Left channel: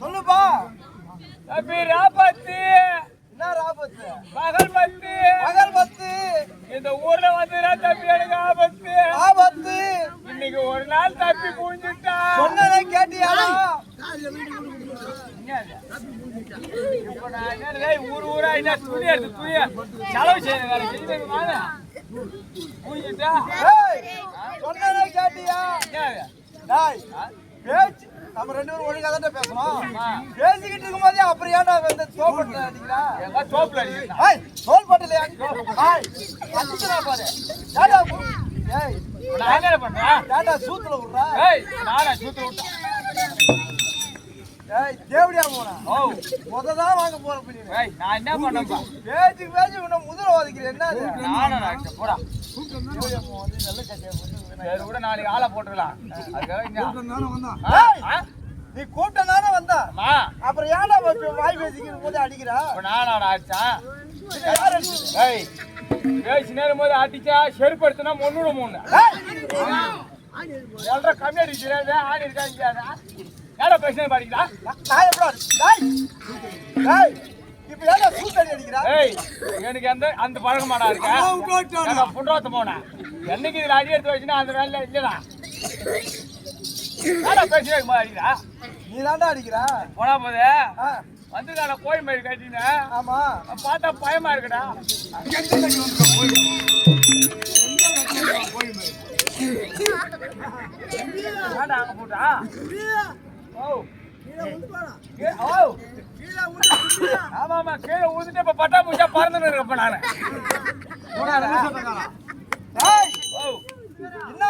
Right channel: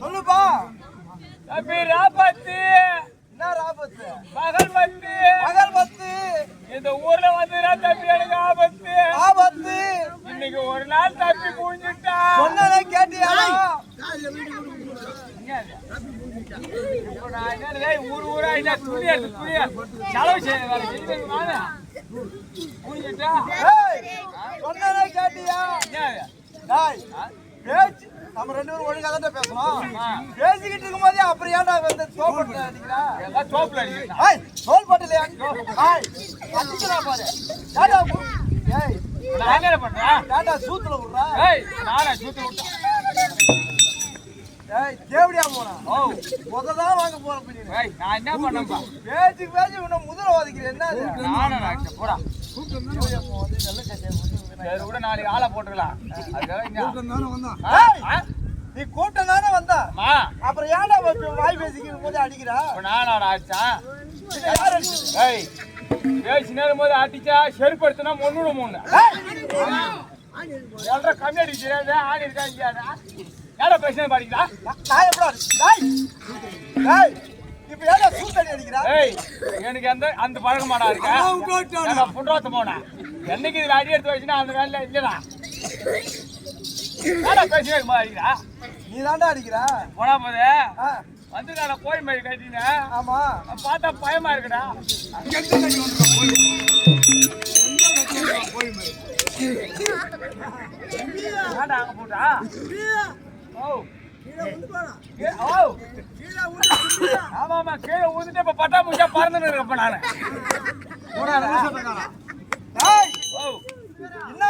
சொல்லுப்பா. தம்பி ராபத்து. என்ன ராபத்து? பகல்பத்து. பகல்பத்து. இந்த ஊர்ல வந்துடா தம்பி, எனக்கு ஆபத்து. ஆபத்து. இன்னைக்கு ஒரு நாள் தப்பி புரிஞ்சுட்டா. சொன்னதை கேட்டியா? ஊர் ஊரா துணி எடுத்து துணிய செலவு செய்ய புரிஞ்சுட்டா. சொன்னதை கேட்டியா? பேச்சு நம்ம ரெண்டு பேரும் ஒழுங்கா தான் பேசணும். பேசிக்கிட்டு இருக்கும் போதே அப்புறம் ஏன்டா வந்து தோப்பட்டு அடிக்கிறா? தோப்புல தோல்பட்டுல அடிக்கிறா பாரு. நான் என்ன பண்றேன்? ஏன்டா சூத்துல விடுறா? நானா சூத்துல விட்டேன்? தேவடியா போனா முததான் வாங்க போற பண்ணி. நான் என்ன பண்ணப்பா? பேச்சுக்கு பேச்சு உன்னை முதல ஒதுக்கிறேன். என்ன போடா கூட நாளைக்கு ஆளை போட்டுக்கலாம். நீ கூட்டம் தானே வந்தா, அப்புறம் ஏன்டா வாய் பேசிக்கும் போது அடிக்கிறா? நானா அடிச்சான்? யார் அடிச்சது? பேசி நேரும் போது அடிச்சா செருப்பு எடுத்துனா முன்னூறு மூணு எல்ற கம்மி அடிக்கிறது ஆடி இருக்கா? ஏடா பேசினே பாடிக்கிறா? நான் எப்படி இப்ப ஏடா சூத்தடி அடிக்கிறா? எனக்கு அந்த பழக்கமாடா இருக்கா? புண்டாத்த போனா என்னைக்கு இதுல அடி எடுத்து வச்சுன்னா அந்த வேலையில இல்லடா. ஏடா பேசினே அடிக்கிறா? நீ தாண்டா அடிக்கிறா? போனா போதே வந்துருக்கான கோயில் மாதிரி கட்டின. ஆமா, பார்த்தா பயமா இருக்குடா. ஏடா அங்க போட்டா? ஆமா கீழே ஊந்துட்டு இப்ப பட்டா முடிச்சா பறந்துன்னு இருப்ப நானு. என்ன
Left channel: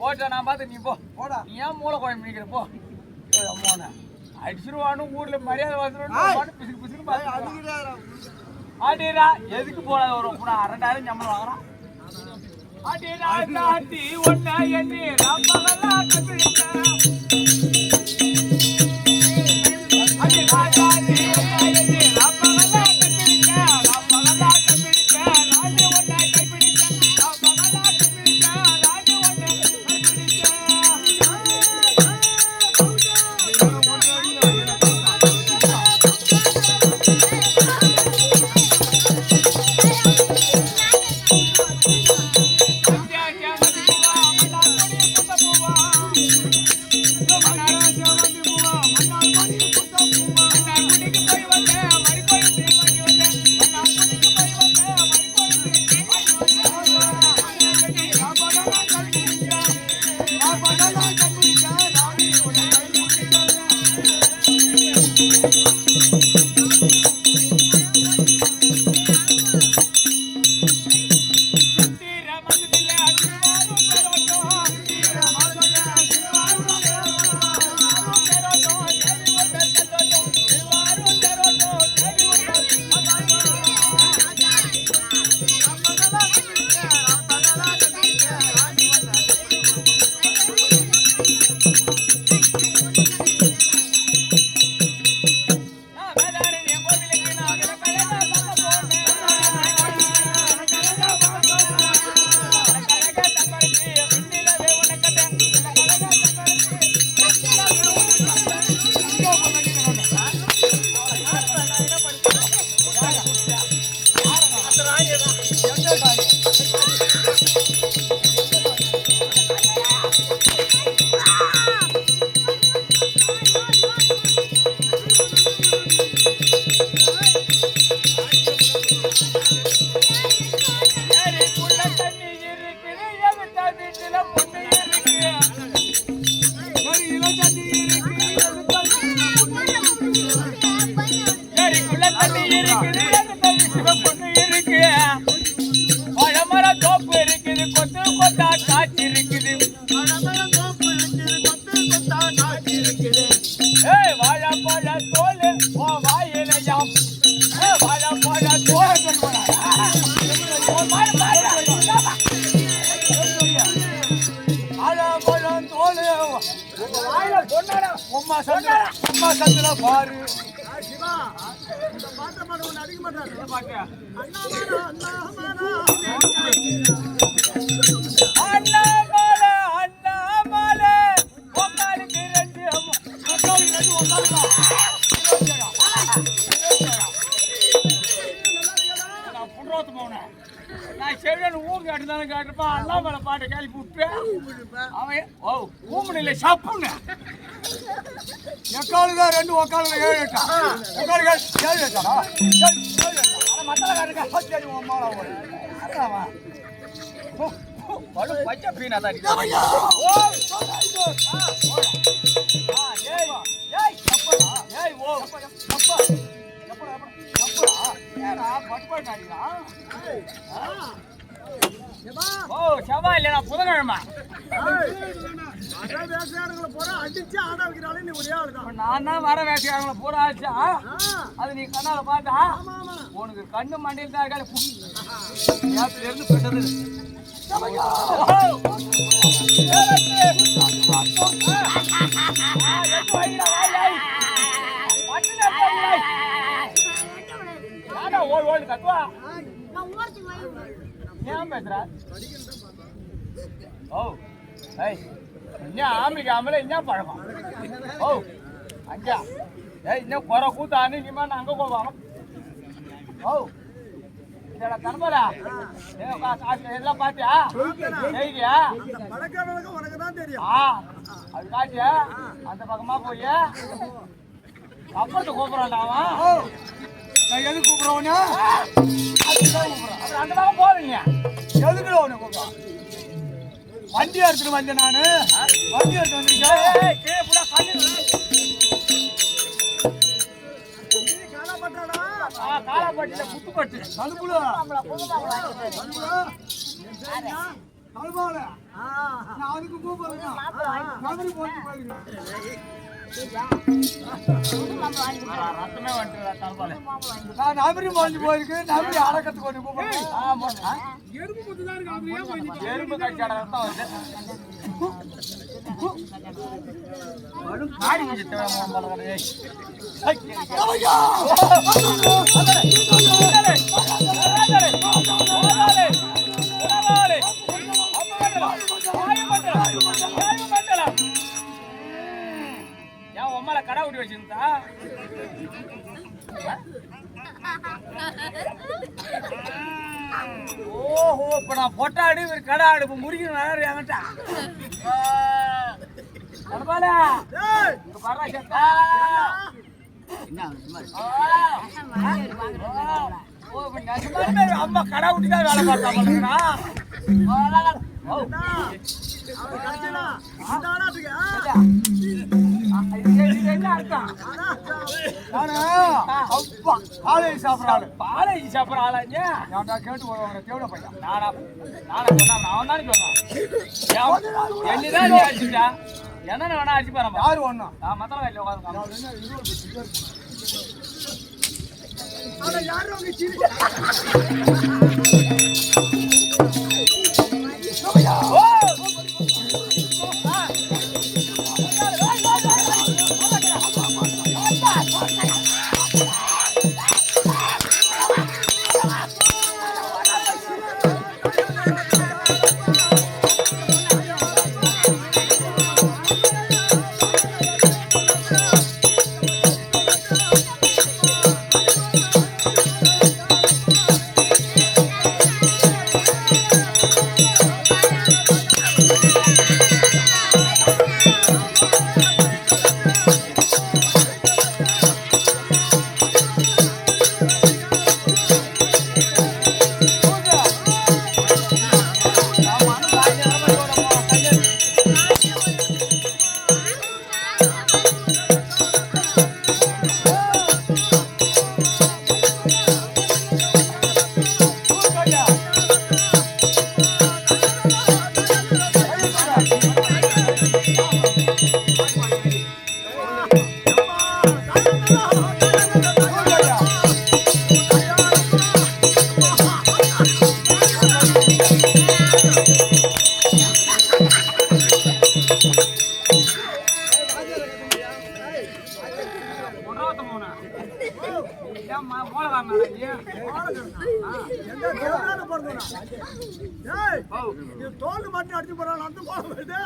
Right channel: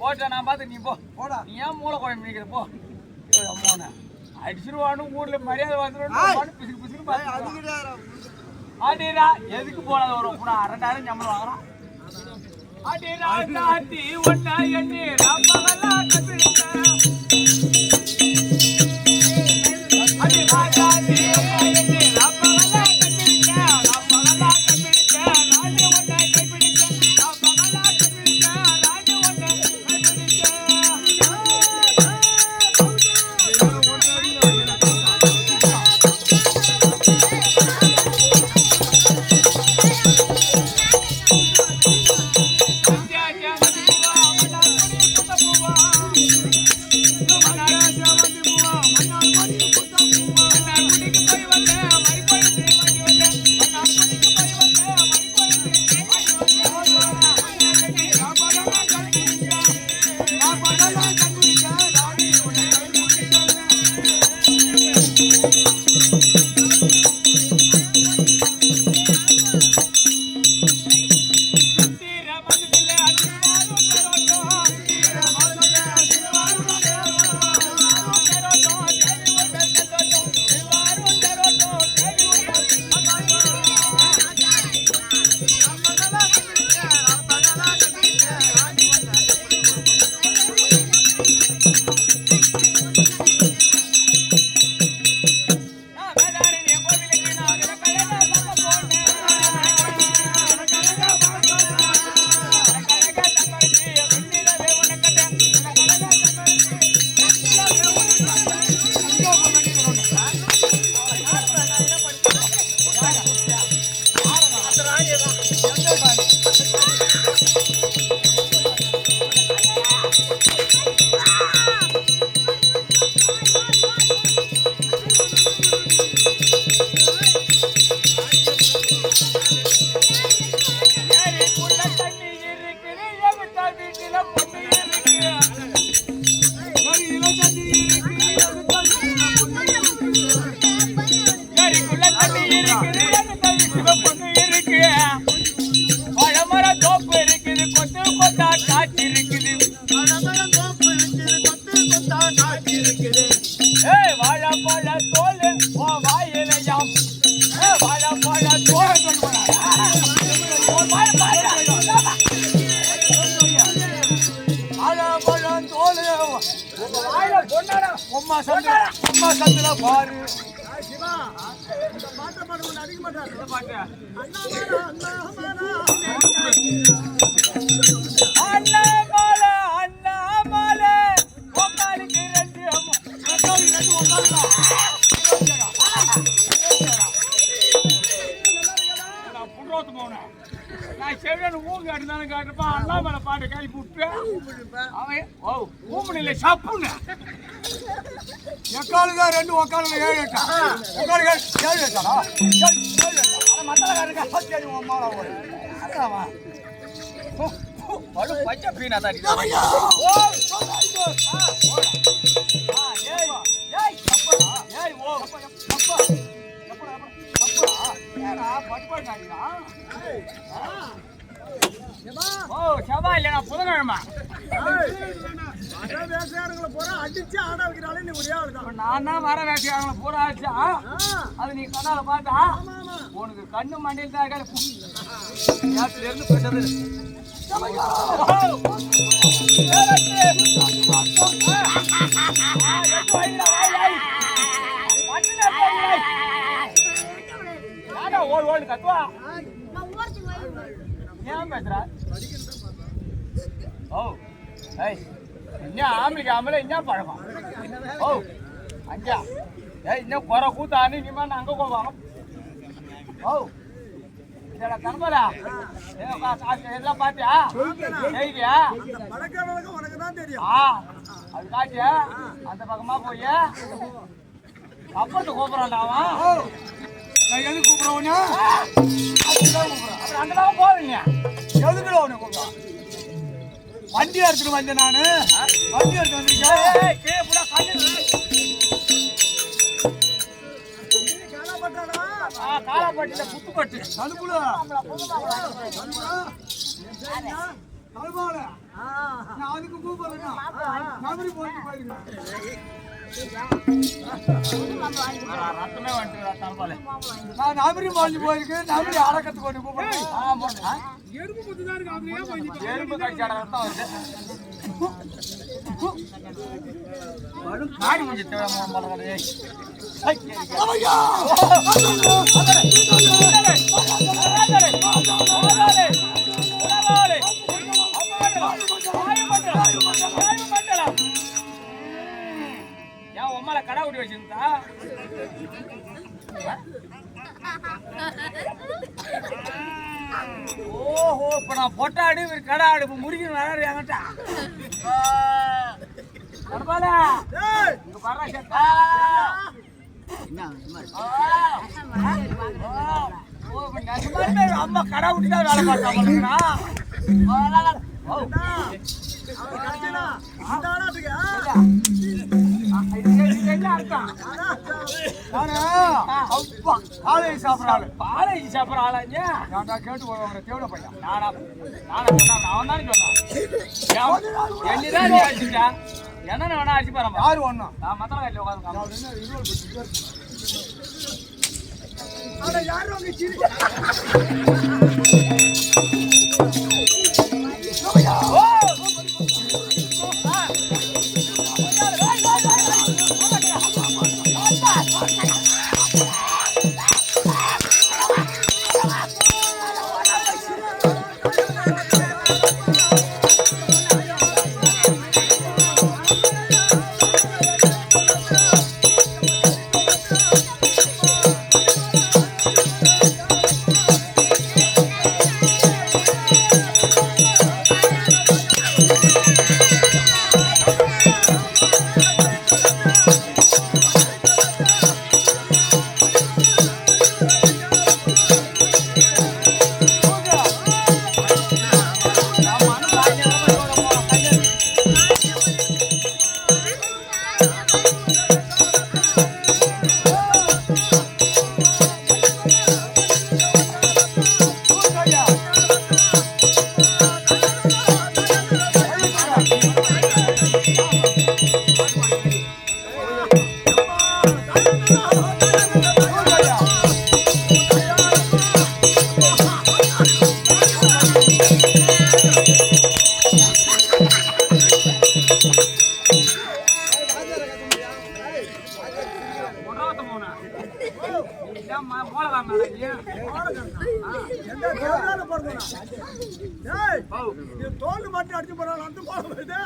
போட்டா நான் பார்த்து நீ போடா. நீ ஏன் மூளை குழம்பு நிக்கிற போ. அடிச்சிருவானு ஊர்ல மரியாதை வந்துடும். பிசுக்கு பிசுக்கு ஆட்டிடா. எதுக்கு போடாத ஒரு 2000 சம்பளம் வாங்குறான். ஆட்டி ஒன்னா எண்ணி ராப்பகலா கத்துக்கிட்டேன். பொண்ணு இருக்கு இள தண்ணி இருக்கு ஏரிக்குள்ள தண்ணி இருக்குது சிவ பொண்ணு இருக்கு பழமர தோப்பு இருக்குது கொத்து கொத்தா காட்சி இருக்குது வாழப்பழ தோல் ஓ வாயிலையாம் வாழப்பழ தோல் வாழப்பழம் தோல் உம்மா சந்திர பாரு சிவா இந்த பாட்டை பாட ஒன்று அடிக்க மாட்டார் இந்த பாட்டு அண்ணாமலை உக்காலுக்கு ரெண்டு உக்காலுடா நான் செவியன் ஊருக்கு காட்டுதானே காட்டுப்பா அண்ணாமலை பாட்டை கேள்வி விட்டு அவன் ஓ ஊம்புல சப்புன்னு எக்காலுதா ரெண்டு உக்காலுங்க 7 8 உக்காலுங்க 7 8 மத்தல காட்டுங்க அம்மாவா ஓடு அதாவா படு பச்சை பீனா தான் ஓ சொல்லாதோ ஏய் ஏய் சப்படா ஏய் ஓ சப்பா சப்படா ஏடா பட்பா காட்டுடா ஏய் ஓ செவ்வா இல்ல நான் புதன்கிழமை வர வேலையாடுகளை பூரா அடிச்சு ஆட வைக்கிறாளே நீ ஒரே ஆளு தான் நான் தான் வர வேலையாடுகளை பூரா அடிச்சா அது நீ கண்ணால பார்த்தா உனக்கு கண்ணு மண்டையில் தான் யாத்தில இருந்து பெற்றது ஓடு ஓடு கத்துவா ஏன் பேசுற ஓ ஏய் இன்னும் ஆம்பளைக்கு ஆம்பளை என்ன பழக்கம் ஓ அஞ்சா ஏய் இன்னும் குறை கூத்தானு இனிமே நான் அங்கே போவாங்க ஓ இதோட கணபரா எல்லாம் பார்த்தியா செய்தியா பழக்கம் உனக்கு தான் தெரியும் அது காட்டியா அந்த பக்கமா போய் அப்பத்தை கூப்பிடறான்டா அவன் நான் எதுக்கு கூப்பிடுறவனே அதுதான் கூப்பிடுறேன் அப்புறம் அந்த பக்கம் போறீங்க எதுக்குள்ள அவனை கூப்பிடுறான் வண்டி எடுத்துட்டு வந்தேன் நானு வண்டி எடுத்து வந்திருக்கேன் புத்துப்பட்டு தடுப்புல தடுப்பால நான் அதுக்கு கூப்பிடுறேன் நபரி போட்டு போயிருக்கேன் நான் நபரி போட்டு போயிருக்கேன் நபரி அடக்கத்துக்கு கொண்டு கூப்பிடுறேன் எறும்பு புத்துதான் இருக்கு அதுல ஏன் போய் எறும்பு கட்சியாட தான் வந்து காடி கொஞ்சம் தேவை ஏன் உம்மால கடை விட்டு வச்சிருந்தா ஓஹோ இப்ப நான் பொட்டாடு கடை ஆடு இப்ப முருகன் வராரு என்கிட்ட அம்மா கடை விட்டுதான் வேலை பார்த்தாங்க காலேஜ் சாப்பிடறாள் காலேஜ் சாப்பிடற ஆளா ஏன்டா கேட்டு போவாங்க தேவட பையன் நானா அவன் தான் சொன்னான் என்ன வேணா அடிச்சு பாருங்க யாரு ஒண்ணு நான் மத்தல கையில உட்காந்து யாரு உங்க சிரி தோல் மட்டும் அடிச்சு போறாங்க அந்த கோலம் வருது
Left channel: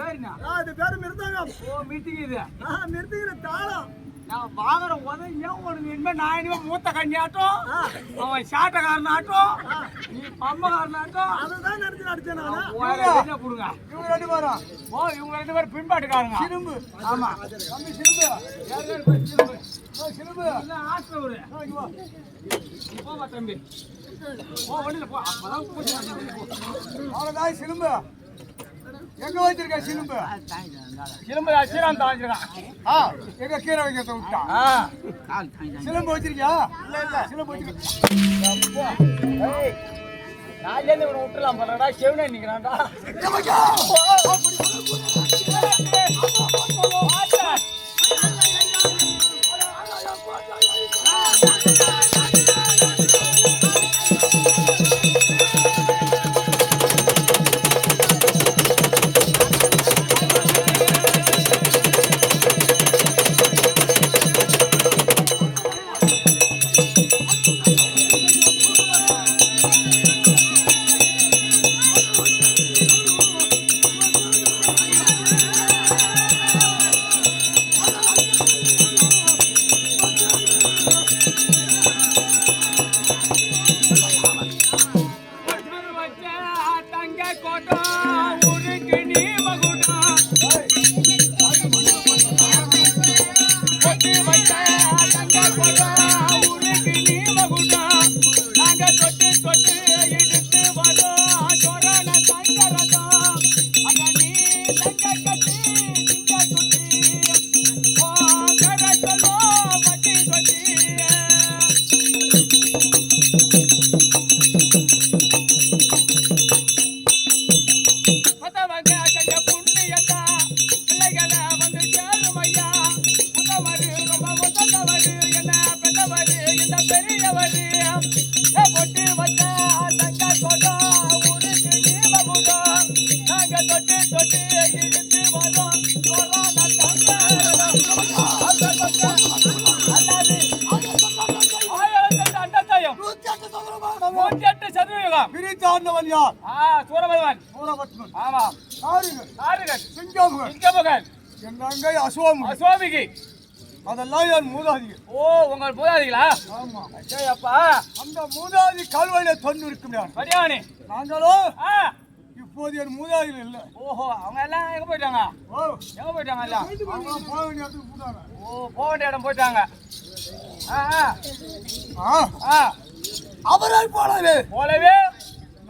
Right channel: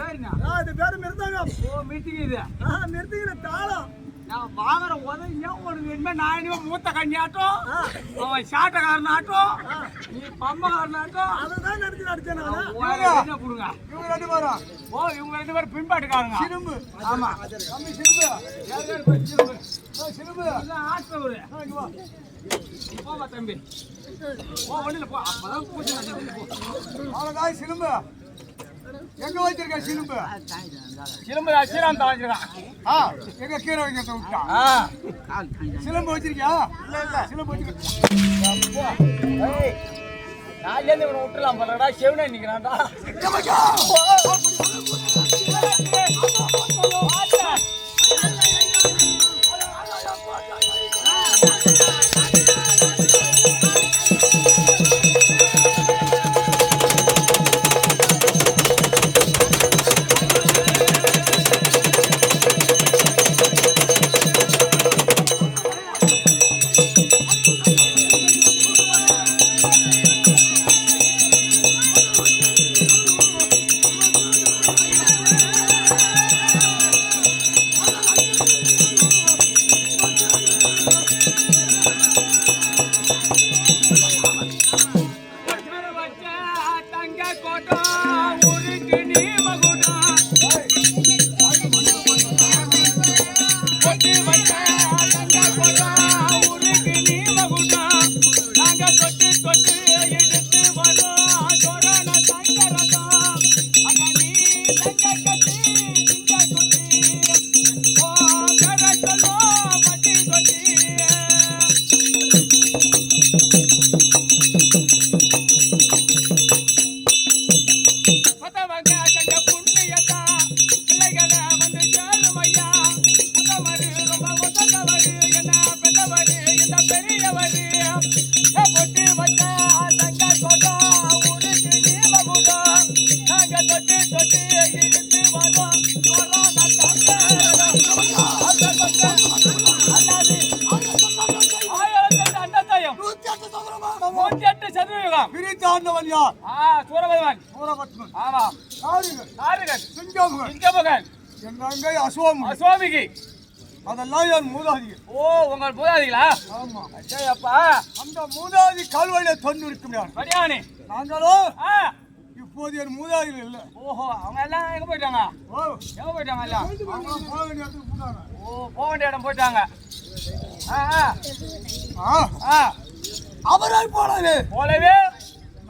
பேருங்க இது பேரு மிருதங்கம் ஓ மிருத்திக்குது மிருதங்கிற தாளம் நான் வாங்குற உதவியா ஒரு இனிமே நான் இனிமே மூத்த கண்ணியாட்டும் அவன் சாட்டக்காரனாட்டும் நீ பம்மக்காரனாட்டும் அதுதான் நினைச்சு நடிச்சேன் நான் கொடுங்க இவங்க 2 பேரும் ஓ இவங்க 2 பேரும் பின்பாட்டுக்காரங்க சிலும்பு ஆமா தம்பி சிலும்பு சிலும்பு ஆட்டவர் போவா தம்பி போ வண்டியில போ அப்பதான் பூச்சி அவ்வளோதான் சிலும்பு எங்க வச்சிருக்க சிலும்பு சிலம்பு சீராம் தாங்கிருக்கான் எங்க கீரை வைக்கிறத விட்டா சிலம்பு வச்சிருக்கியா சிலம்பு வச்சிருக்க நாலேருந்து இவனை விட்டுலாம் போலடா செவனே நிக்கிறான்டா பிரித்தாண்டவன் யார்? சூரபத்மன். சூரபத்மன். ஆமா. ஆறுகள். சிங்கமுகன். என் தங்கை அசுவாமிகி. அதெல்லாம் என் மூதாதிகள். ஓ உங்கள் மூதாதிகளா? ஆமா. அப்பா அந்த மூதாதி கால்வழியில தொண்டு இருக்கும் வடியானே. நாங்களும் இப்போது என் மூதாதிகள் இல்லை. ஓஹோ அவங்க எல்லாம் எங்க போயிட்டாங்க? எங்க போயிட்டாங்க எல்லாம்? போக வேண்டிய இடத்துக்கு போட்டாங்க. ஓ போக வேண்டிய இடம் போயிட்டாங்க. அவரால் போலவே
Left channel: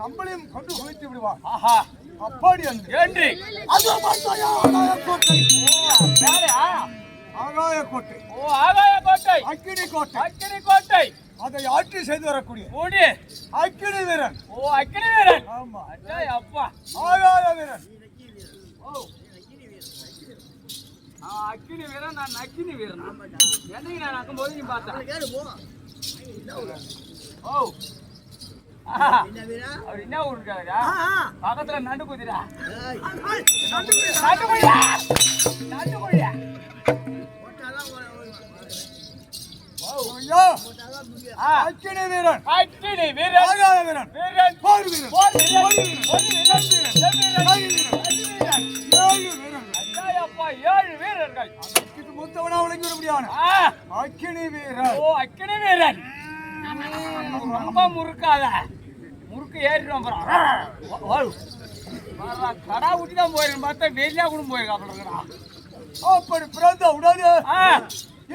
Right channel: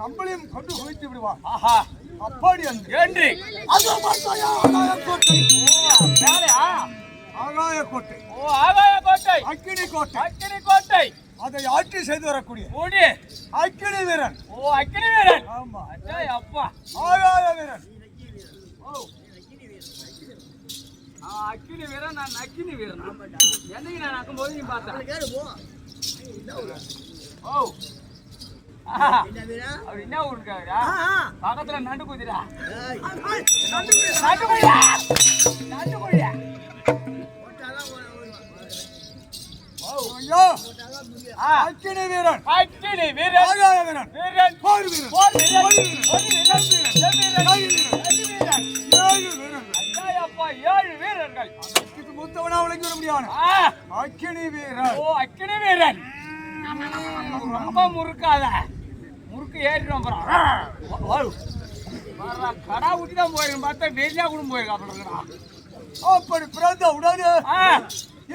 நம்மளையும் கொண்டு குவித்து விடுவார். ஆஹா அப்படி என்று ஆகாய கோட்டை. ஓ ஆகாய கோட்டை. அக்கினி கோட்டை. அக்கினி கோட்டை. அதை ஆட்சி செய்து வரக்கூடிய அக்கினி வீரன். ஓ அக்கினி வீரன். ஆமா. அப்பா ஆகாய வீரன். அக்கினி வீரன். நான் அக்கினி வீரன். என்னைக்கு நான் நக்கும்போது நீ பார்த்தேன். ஓ அவர் என்ன ஊருக்காரா? பக்கத்துல நண்டு குதிரா. அக்கினி வீரன். அக்கினி வீரன். ஆகாய வீரன். வீரன். போர் வீரன். போர் வீரன். அப்பா 7 வீரர்கள். அதற்கு மூத்தவனா விளங்கி வர முடியாது. அக்கினி வீரன். ஓ அக்கினி வீரன். ரொம்ப முறுக்காத முறுக்கு ஏறிடும். கடா ஊட்டி தான் போயிருக்கேன் பார்த்தா வெளியா கூட போயிருக்கா. அப்படி பிறந்த உடனே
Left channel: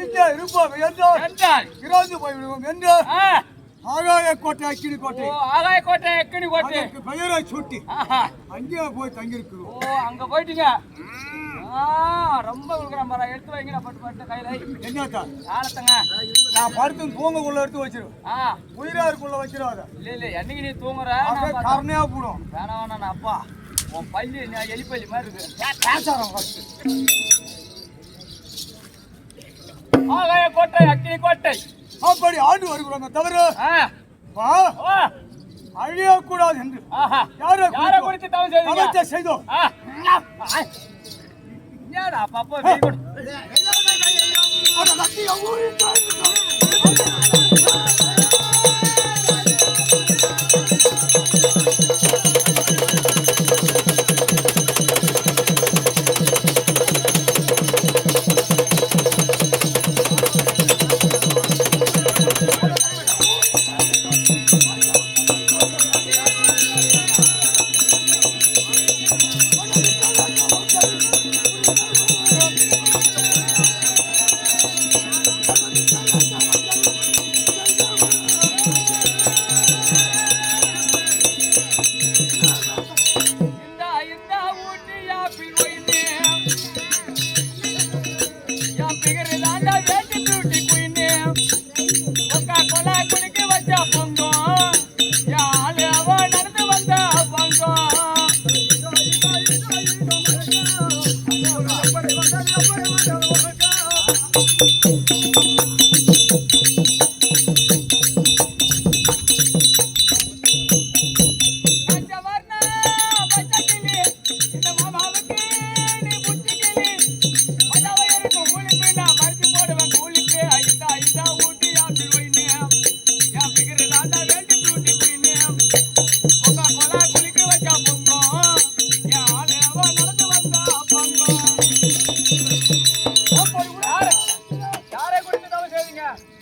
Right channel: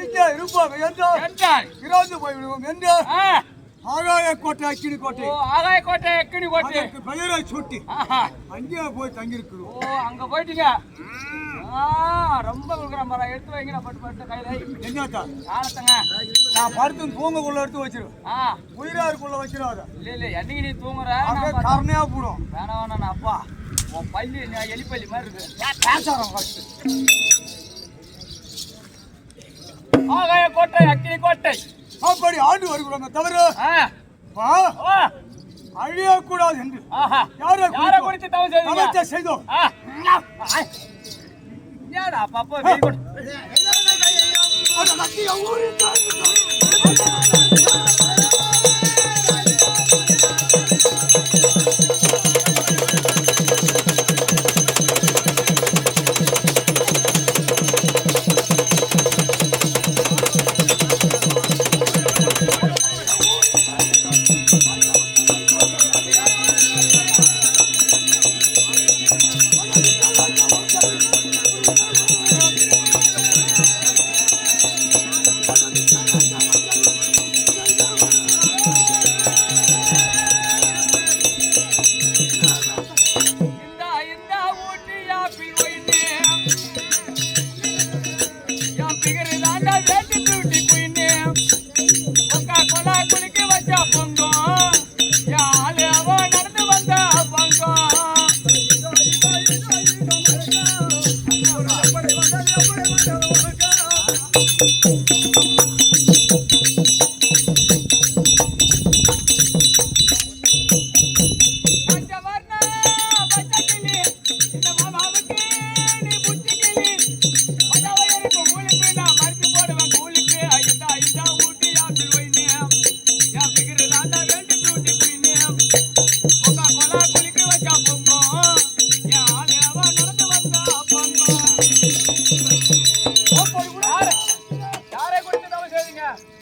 இங்கே இருப்போம் என்றால் இறந்து போய்விடுவோம் என்று ஆகாய கோட்டை அக்கினி கோட்டை. ஆகாய கோட்டை அக்கினி கோட்டை பெயரை சுட்டி அங்கே போய் தங்கியிருக்கிறோம். ஓ அங்க போயிட்டீங்க. ரொம்ப இருக்கிற எடுத்து வைங்க. பட்டு பட்டு கையில என்னத்தா ஆளத்தங்க நான் படுத்து தூங்கக்குள்ள எடுத்து வச்சிருவேன். உயிராருக்குள்ள வச்சிருவாத. இல்ல என்னைக்கு நீ தூங்குற கருணையா போடும். வேணாம் வேணா அப்பா உன் பள்ளி எலிப்பள்ளி மாதிரி இருக்கு. ஆகாய கோட்டை அக்கினி கோட்டை. அப்படி ஆண்டு வருகிறோங்க தவிர அழியக்கூடாது என்று யாரை குறித்து தவறு செய்தோம். ஏடா பாப்பா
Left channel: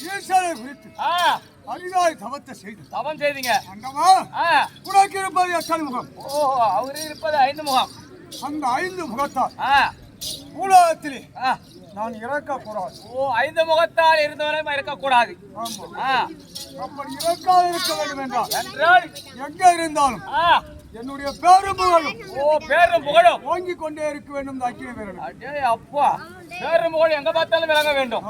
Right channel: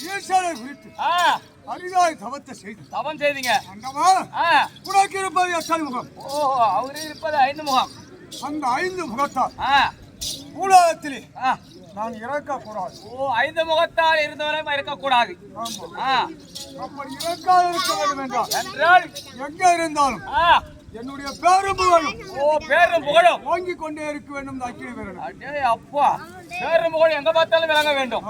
ஈசனை குறித்து அரிதாய் தவத்தை செய்து தவம் செய்தீங்க. அந்தமா உனக்கு இருப்பது எத்தனை முகம்? ஓஹோ, அவரு இருப்பது 5 முகம். அந்த 5 முகத்தால் உலகத்திலே நான் இறக்கக்கூடாது. ஓ, 5 முகத்தால் இருந்தவரை இருக்கக்கூடாது. அப்படி இறக்காத இருக்க வேண்டும் என்றால் எங்க இருந்தாலும் என்னுடைய பேரும் புகழும் பேரும் புகழும் வாங்கிக் கொண்டே இருக்க வேண்டும். அக்கினி வேணும். அப்பா, பேரும் புகழ் எங்க பார்த்தாலும் விளங்க வேண்டும்.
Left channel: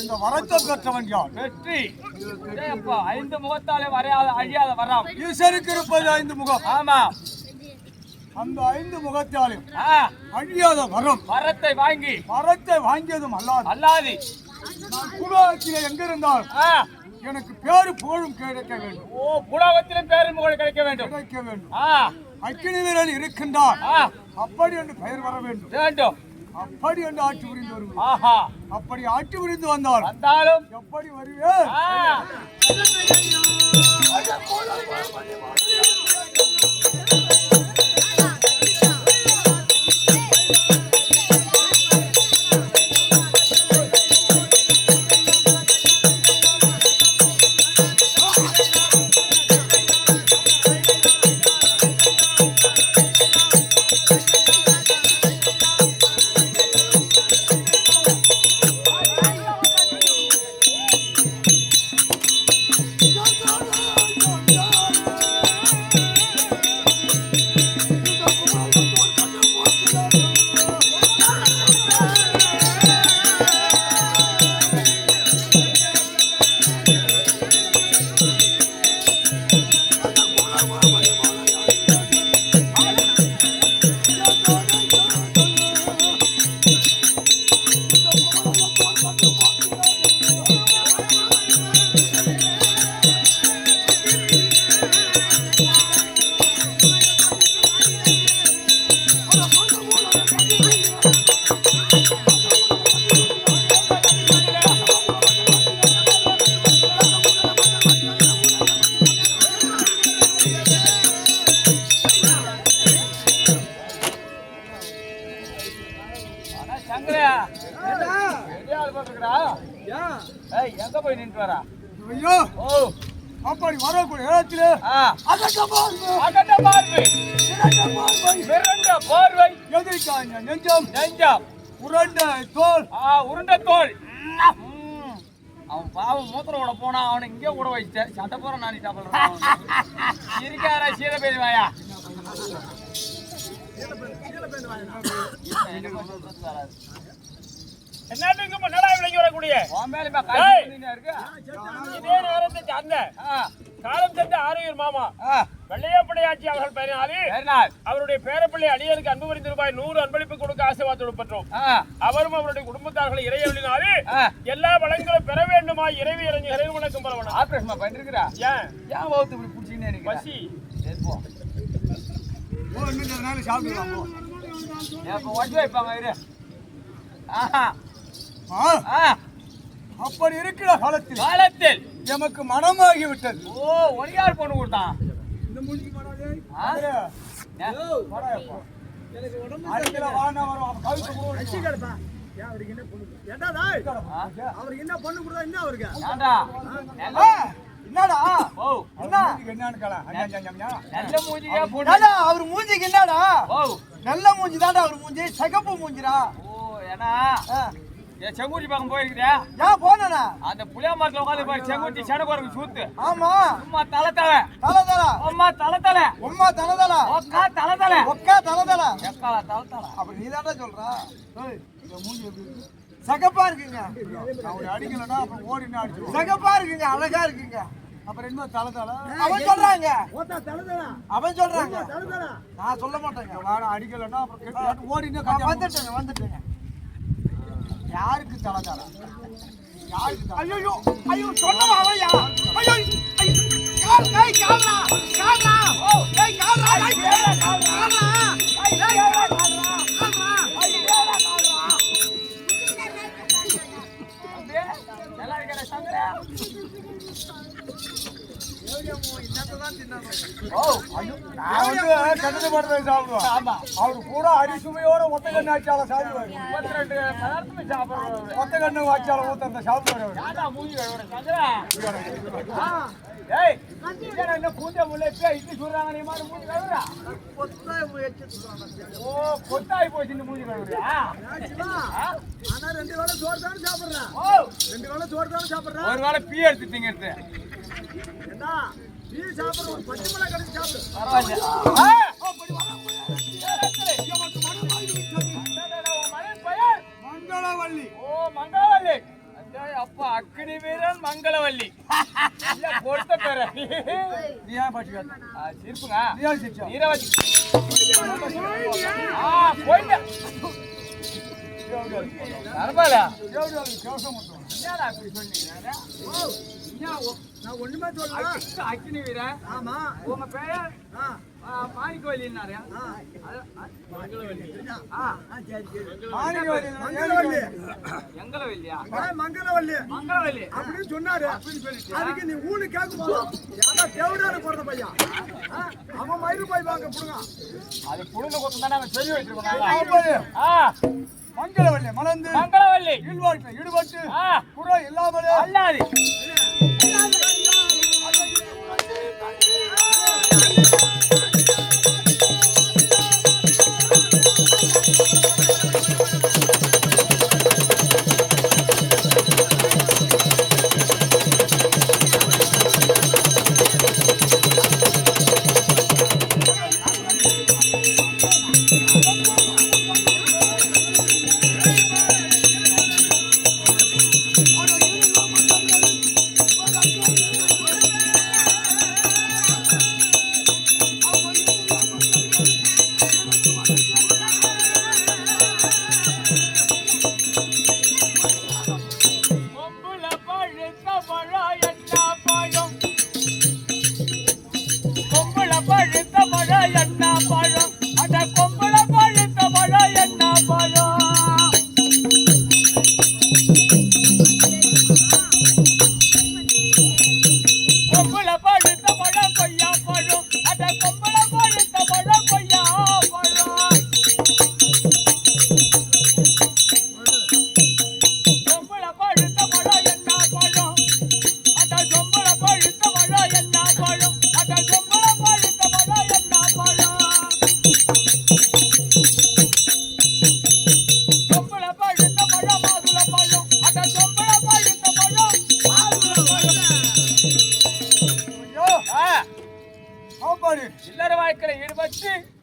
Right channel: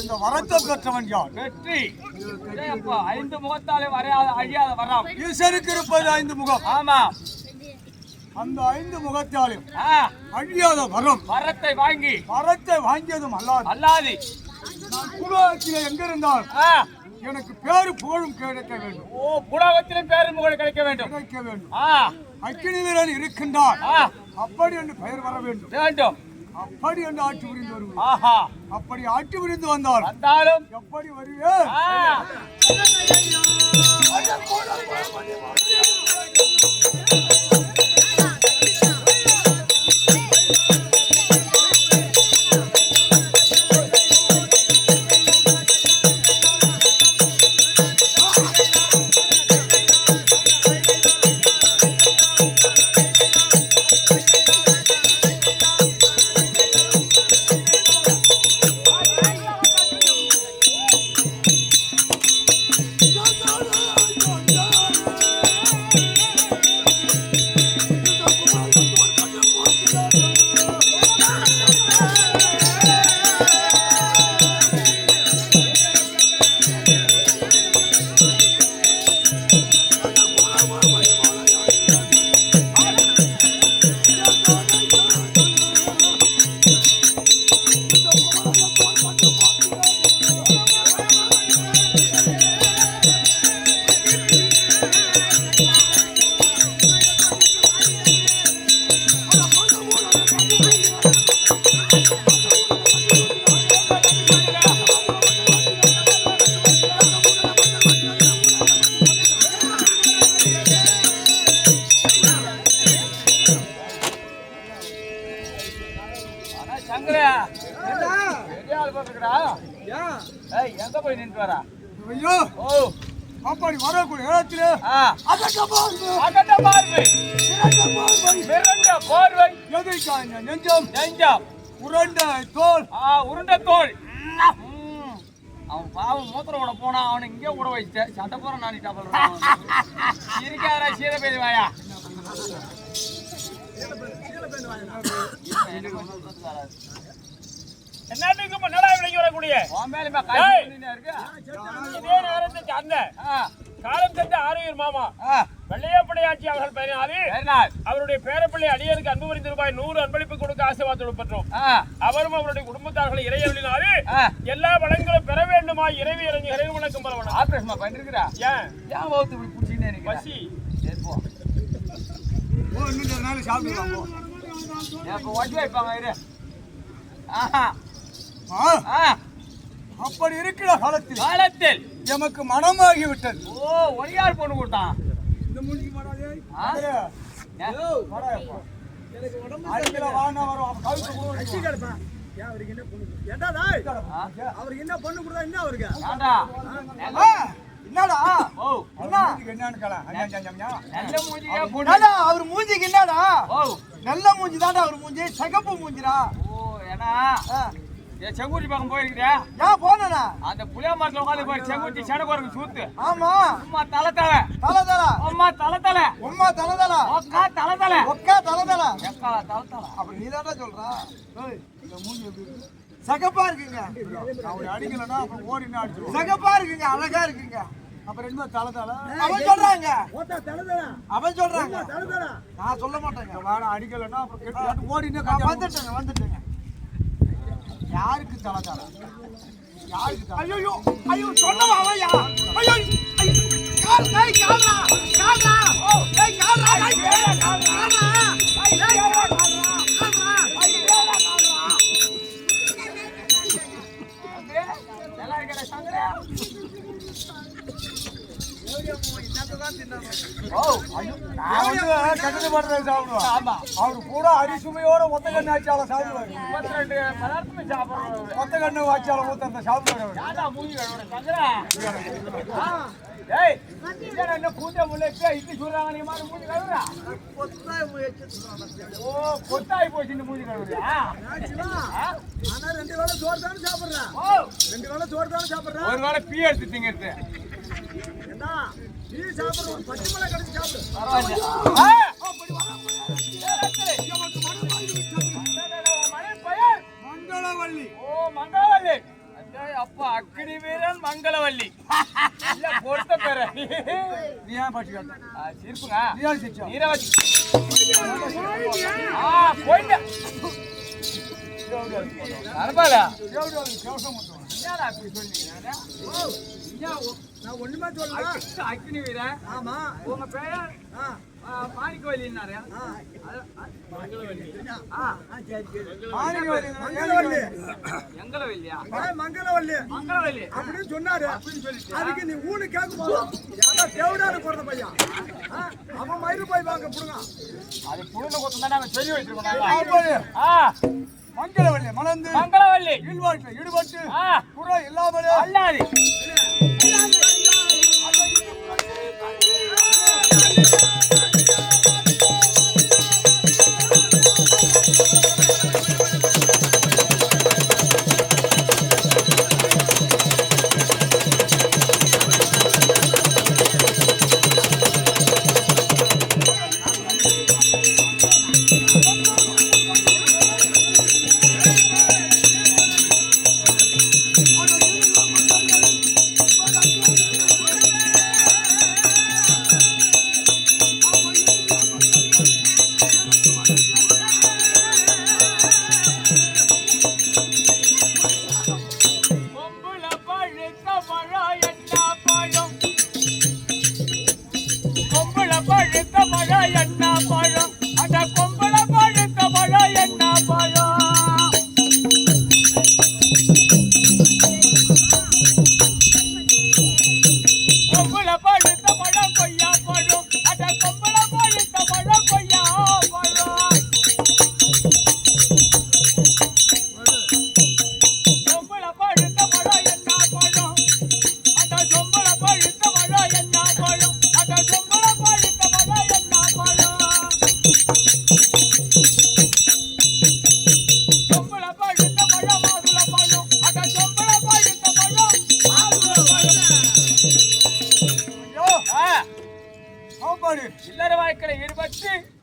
இந்த வரத்தை பெற்றவன் யார்? வெற்றி. அப்பா, 5 முகத்தாலே வரையாத அழியாத வரம். ஈசனுக்கு இருப்பது 5 முகம். ஆமா, அந்த 5 முகத்தாலும் அழியாத வரம். வரத்தை வாங்கியதும் அல்லாது நான் குலத்திலே எங்க இருந்தால் எனக்கு பேரு புகழும் கிடைக்க வேண்டும். ஓ, புலகத்திலும் பேரும் புகழ் கிடைக்க வேண்டும். அக்கினி வீரன் இருக்கின்றான் அப்படி என்று பெயர் வர வேண்டும். அப்படி என்று ஆட்சி புரிந்து வருவேன். அப்படி ஆட்சி புரிந்து வந்தாலும் எப்படி வருவேன்? எங்க போய் நின்று வரா? அப்படி வரக்கூடிய இடத்திலே பார்வை எதிர்க்காங்க நெஞ்சம் உருண்ட தோல். அவன் பாவம் மூத்திரோட போனா அவனை இங்கே கூட வச்ச சட்டை போற நானி சாப்பிடுறான். இருக்காரா சீர பேர் வாயா? என்னத்துக்கு முன்னாடி விலகி வரக்கூடிய இதே நேரத்துக்கு அந்த காலம் சென்ற ஆரோக்கியர் மாமா வெள்ளையப்படையாட்சி அவர்கள் பெயரினால் அவருடைய பேரப்பிள்ளை அடியனுக்கு அன்பு புரிந்து ரூபாய் 100 அன்பளிப்பு கொடுக்க ஆசீர்வாதம் பெற்றோம். அவரும் அவருடைய குடும்பத்தார்களை இறையவளினாலே எல்லா வளங்களும் பெற வேண்டுமா இறைவி இறங்கி இறைவு வணக்கம் பரவணும். ஆபரேஷன் பண்ணிருக்கிறா? ஏன் வகுத்து இப்படி பிடிச்சின்னு எனக்கு பசி சாப்பிடலாம் வைப்பாங்க இரு. அப்படி இருக்கிற காலத்தில் எமக்கு மனமாகி விட்டது. ஓ, ஒரியார் பொண்ணு கொடுத்தான். இந்த மூஞ்சிக்கு மாடாதே அவருக்கு என்ன பொண்ணு கொடுத்தா என்ன அவருக்கு என்னடா அவர் மூஞ்சிக்கு என்னடா? நல்ல மூஞ்சி தாண்டா அவர் மூஞ்சி, சகப்பு மூஞ்சிரா. செங்குட்டி பக்கம் போயிருக்கியா? ஏன் போனா அந்த புளியா மரத்துல உட்காந்து பாரு, செங்குட்டி சடகோருக்கு சூத்து. ஆமா, அம்மா தலை தலை அம்மா தலை தலை ஒக்கா தலை தலை அப்படி நீ தாண்டா சொல்றா? மூஞ்சி எப்படி இருக்கு? சகப்பா இருக்குங்க. அவரு அடிக்கலன்னா அப்புறம் ஓடினா அடிச்சு. சகப்பா இருக்குங்க, அழகா இருக்குங்க. அப்புறம் என்ன தலை தலை அவன் சொல்றாங்க. அவன் சொல்றாங்க, நான் சொல்ல மாட்டேங்க. வேற அடிக்கலன்னா அப்புறம் ஓடினா வந்துட்டேங்க. யாருக்கு தலை தலை? யாருக்கு? ஐயோ ஐயோ சொன்னவா அவயா? ஐயோ என்னதான் தின்னணும்? ஓ ஐயோ நான் வந்து கட்டது பண்றது சாப்பிடுவேன். ஆமா அவரு கூட அரிசுமையோட ஒத்த கண்ணு ஆச்சால சாப்பிடுவாரு. 32 பதார்த்தமே சாப்பிடுறாரு. ஒத்த கண்ணு ஆச்சால ஊத்துறத சாப்பிடுவாரு அவரு. யாரா மூஞ்சி கழுவுற சங்கரா? ஏய் இங்க என்ன பூஜை முளைச்சா இட்லி சுடுறாங்க நீ மாதிரி மூஞ்சி கழுவுறா? ஓ கொத்தாய் போச்சு இந்த மூஞ்சி கழுவுறியா? ஆனா 2 வேளை சோறு தானே சாப்பிடுறேன். ஓ 2 வேளை சோறு தானே சாப்பிடுறேன். ஒரு வேளை பீ எடுத்து திங்கிறது என்ன நீ சாப்பிடுற ஒரு பச்சை மிளகாய் கடிச்சு சாப்பிடு. பரவாயில்ல. மங்களவள்ளி. ஓ மங்களவள்ளி. அப்பா அக்னி வீரன் மங்களவள்ளி. இல்ல பொறுத்த பேர. நீ ஏன் பாட்டு கேட்ட? சிரிப்புங்க. நீ ஏன் சிரிச்சா? நீரவதி. போயிங்க. பரவாயில்ல. கேவசம் மட்டும். என்னடா அப்படி சொன்னீங்க? நான் ஒண்ணுமே சொல்லல. அக்னி வீரன். ஆமா உங்க பேரு மாணிக்கவல்லின்னாரு. மங்களவள்ளி. எங்களவல்லியா? மங்களவள்ளி மங்களவல்லி அப்படின்னு சொன்னாரு. அப்படின்னு சொல்லிட்டு அதுக்கு நீ ஊனு கேட்கும் ஏன்னா தேவடாரு பிறந்த பையன் அவன் மயிறு போய் வாங்க புடுங்க. அது புடுங்க கொத்தம் தானே அவன் சொல்லி வச்சிருக்கோம். மங்களவள்ளி மலர்ந்து மங்களவல்லி ஈடுபாட்டில் ஈடுபட்டு புற இல்லாமலே அல்லாது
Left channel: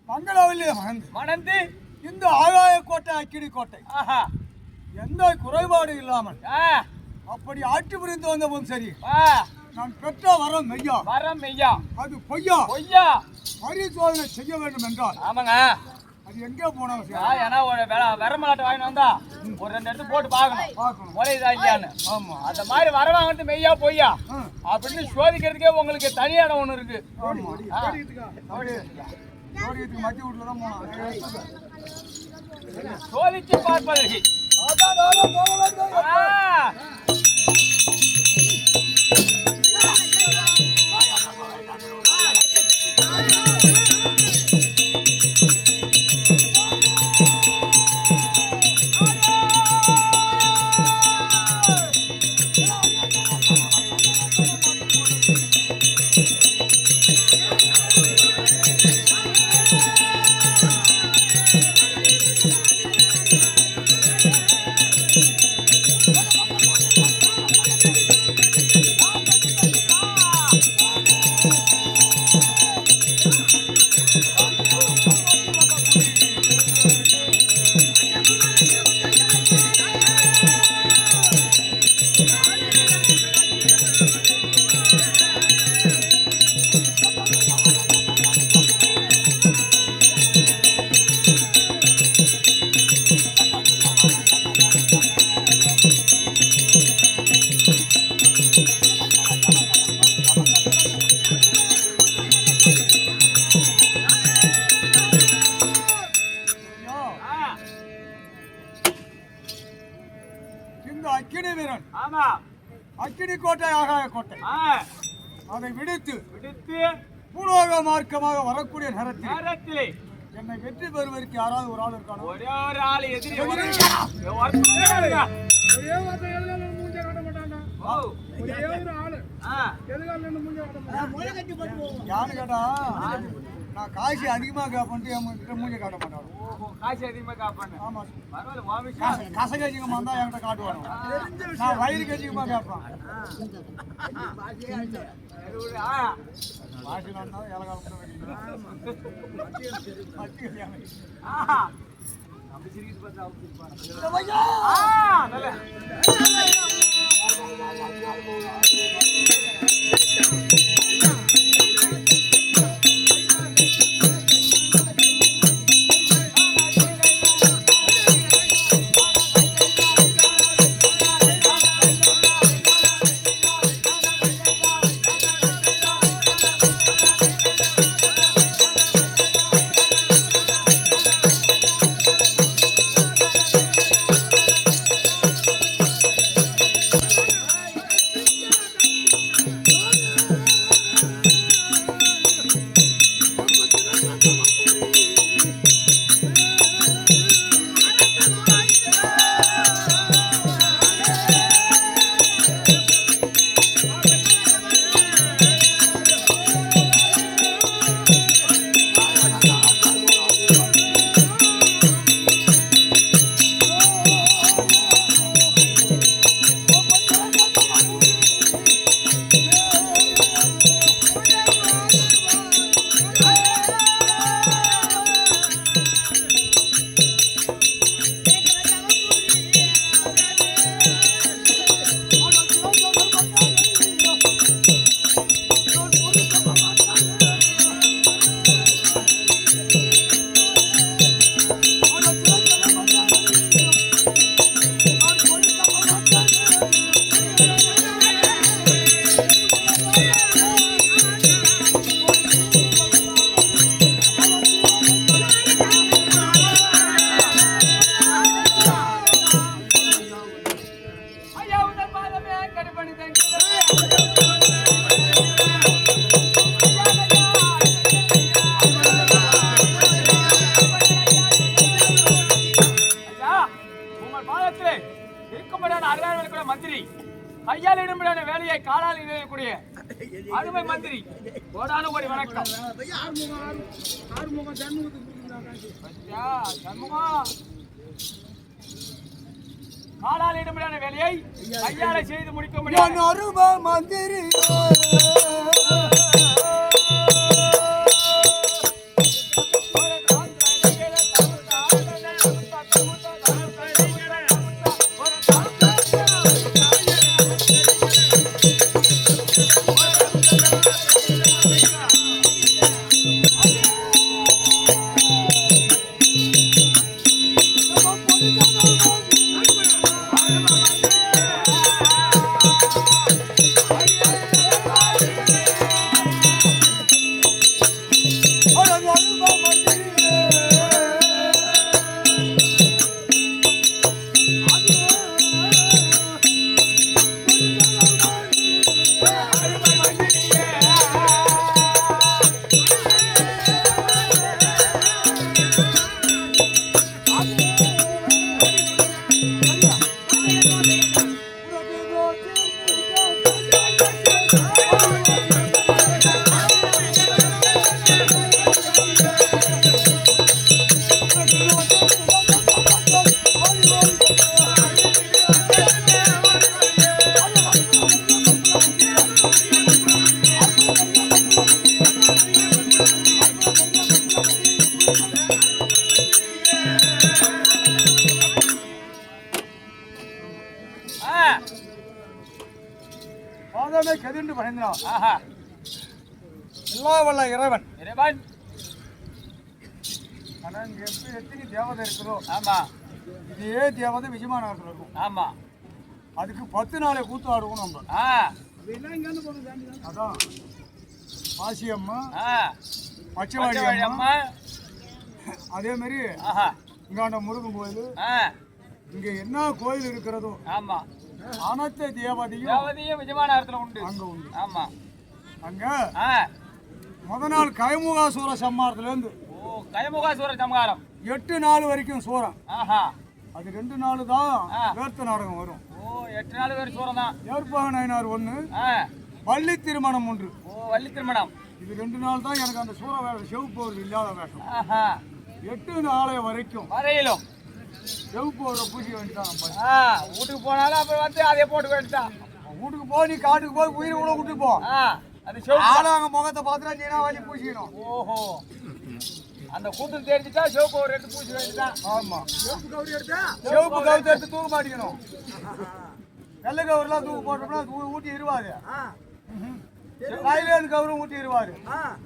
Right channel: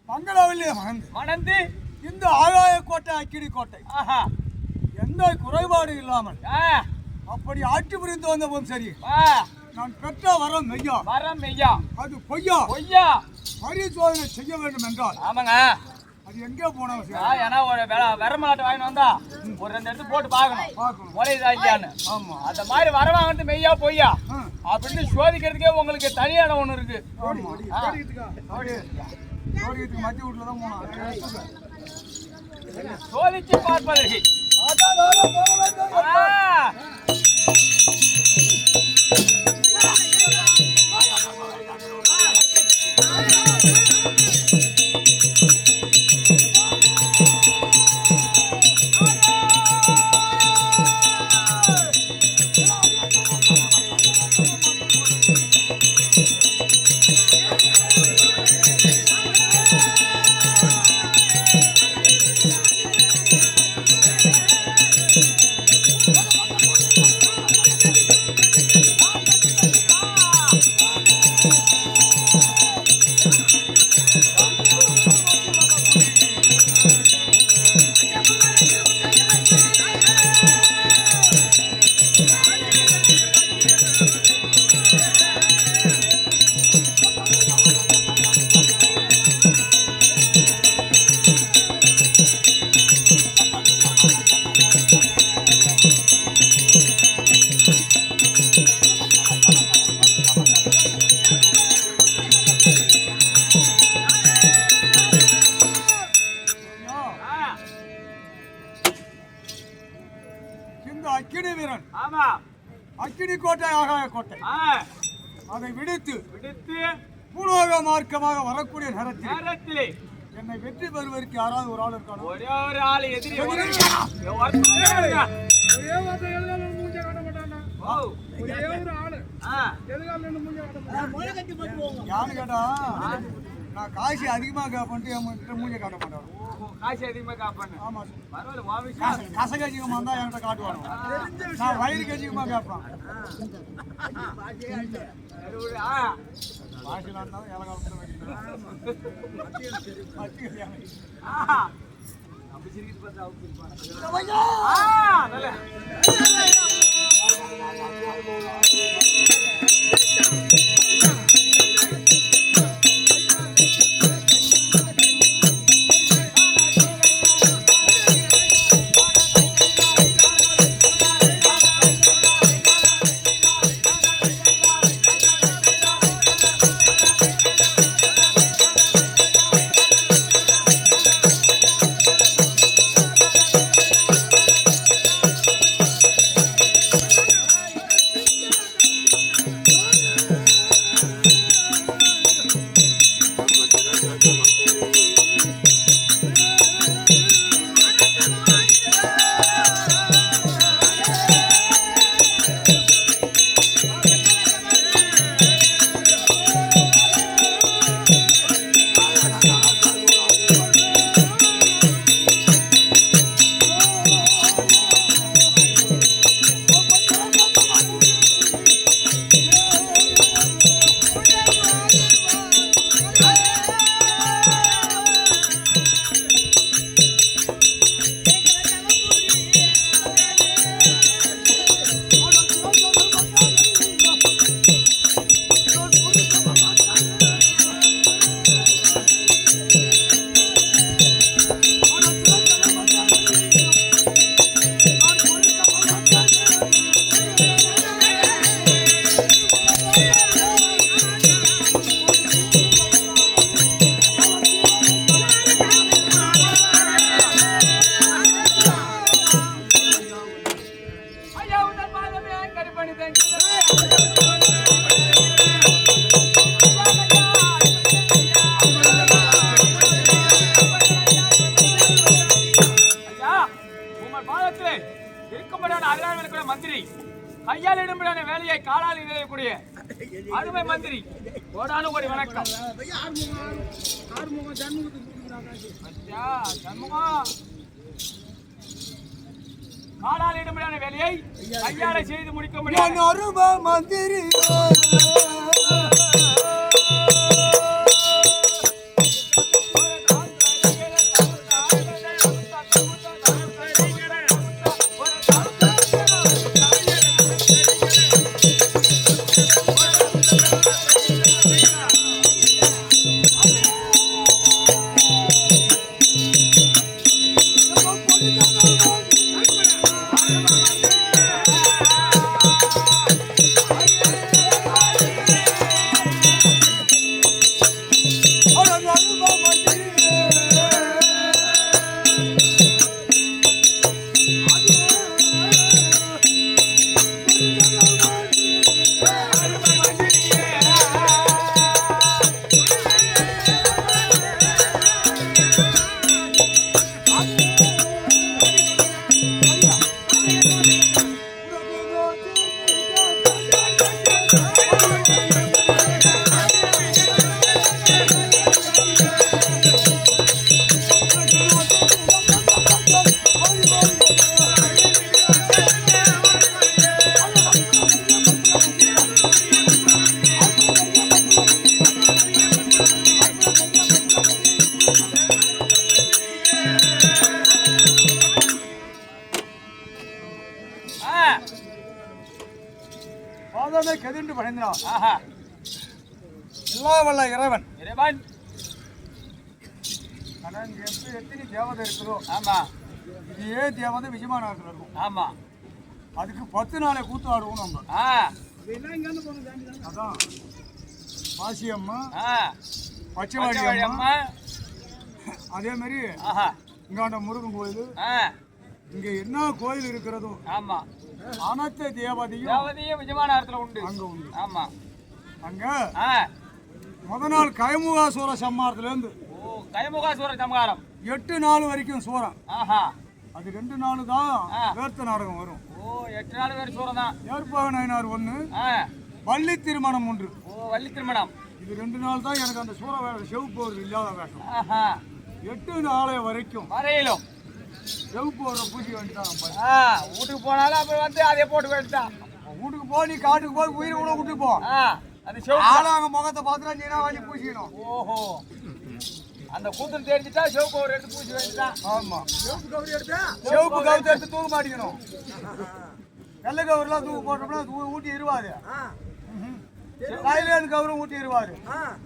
மங்களவள்ளி மணந்து இந்த ஆகாய கோட்டை அக்கினி கோட்டை ஆஹா எந்த குறைபாடு இல்லாமல் அப்படி ஆட்சி புரிந்து வந்தவும் சரி நான் பெற்ற வரம் மெய்யா வரம் மெய்யா அது பொய்யா பொய்யா பரிசோதனை செய்ய வேண்டும் என்றால் ஆமாங்க அது எங்கே போனோம் ஏன்னா ஒரு வரமாட்டை வாங்கிட்டு வந்தா ஒரு 2 இடத்து போட்டு பார்க்கணும் முளையுதா இல்லையான்னு ஆமா அந்த மாதிரி வர வாங்கிட்டு மெய்யா பொய்யா அப்படின்னு சோதிக்கிறதுக்கே உங்களுக்கு தனி இடம் ஒண்ணு இருக்கு மத்திய வீட்டுல தான் போனோம் சோதிச்சு பார்ப்பதற்கு அக்கினி வீரன் ஆமா அக்கினி கோட்டை ஆகாய கோட்டை அதை விடுத்து விடுத்து பூலோக மார்க்கமாக வரக்கூடிய நேரத்தில் நேரத்திலே என்னை வெற்றி பெறுவதற்கு யாராவது ஒரு ஆள் இருக்கானோ? ஒரே ஒரு ஆள் எதிரி ஒரே வார்த்தை எதுக்கால மூஞ்ச காட்ட மாட்டானா? ஒரே ஒரு ஆளு எதுக்கால நின்னு மூஞ்ச காட்ட மாட்டான்? யாரு கேட்டா நான் காசு அதிகமா கேப்பன்ட்டு என்கிட்ட மூஞ்ச காட்ட மாட்டான். காசு அதிகமா காப்பானு. ஆமா, பரவாயில்ல. கசக அதிகமா இருந்தா என்கிட்ட காட்டுவானு. நான் வயிறுக்கு அதிகமா கேட்பான். வாசினா இருந்தாலும் இலகாலம் தான் வைக்கிறேன். நம்ம சிரிக்கிட்டு பார்த்தா அவங்க சிரிப்பாங்க. மந்திரி கையால் இடும்படியான வேலையை காலால் இணையக்கூடிய அருமை மந்திரி கோடானு கோடி வணக்கம். காலால் இடும்படியான வேலையை கையால செய்து முடிக்க முடியும் அருமை மந்திரி பாதமே கதிண்டு படைந்தான். எல்லா வல்ல இறைவன் இறைவன் ஆனா இங்க எத்தனை தேவதை இருக்குதோ ஆமா இதே தேவதை விஜயமாநகரத்துல இருக்கும். ஆமா அதுக்கு 10 நாளை கூத்து ஆடுவோம் நம்ம. அதான் பாசி அம்மா பச்சைவாடி அம்மா அதே மாதிரி இங்காண்ட முருகன் கோயில் இங்க என்ன கோயில் இருக்கிறதோ ஆமா அனைத்து தேவதையும் விஜயமாநகரத்துல உண்டு அங்க உண்டு. ஆமா அங்க முத நாள் கைமுகாசூர சம்மாரத்துல இருந்து கைமுகாசுர சம்ஹாரம் 8 நாள் வரைக்கும் சூரம். ஆஹா அது 2 நாள் தான் வேர்த்த நாடகம் வரும். 8 நாள் வேறு சூரம் தான். ஏற்பாக நயினார் 1, வள்ளி திருமணம் 1. வள்ளி திருமணம் இது 2 நாள் தான் எனக்கு அந்த சூற வேஷம் செவப்பு இல்லாத வேஷம். ஆஹா 8 நாளை வரைக்கும் வரையிலும் செவப்பு ஒரு பூஜை வேண்டிட்டாங்க. வீட்டுக்கு போனாலும் அப்ப வந்து அதே போட்டு வேண்டிட்டான். வீட்டுக்கு போ, நீ காட்டுக்கு போய் உயிரை கூட விட்டு போ. அது செவப்பு ஆளாங்க முகத்தை பார்த்துட்டா நீனா வந்து பூசிக்கணும். ஓஹோ அந்த கூத்துரு தெரிஞ்சுட்டா சிவப்பு ஒரு எடுத்து பூசி வேண்டிதான். ஆமா செவப்பு கவுரி எடுத்து தூக்க மாட்டேங்கணும். வெள்ளை கவுரெல்லாம் தூக்கு போட்டோம்னா ஊட்டி இருவாது. கையிலேருந்து கவுரும் ஊட்டி இருவாரு.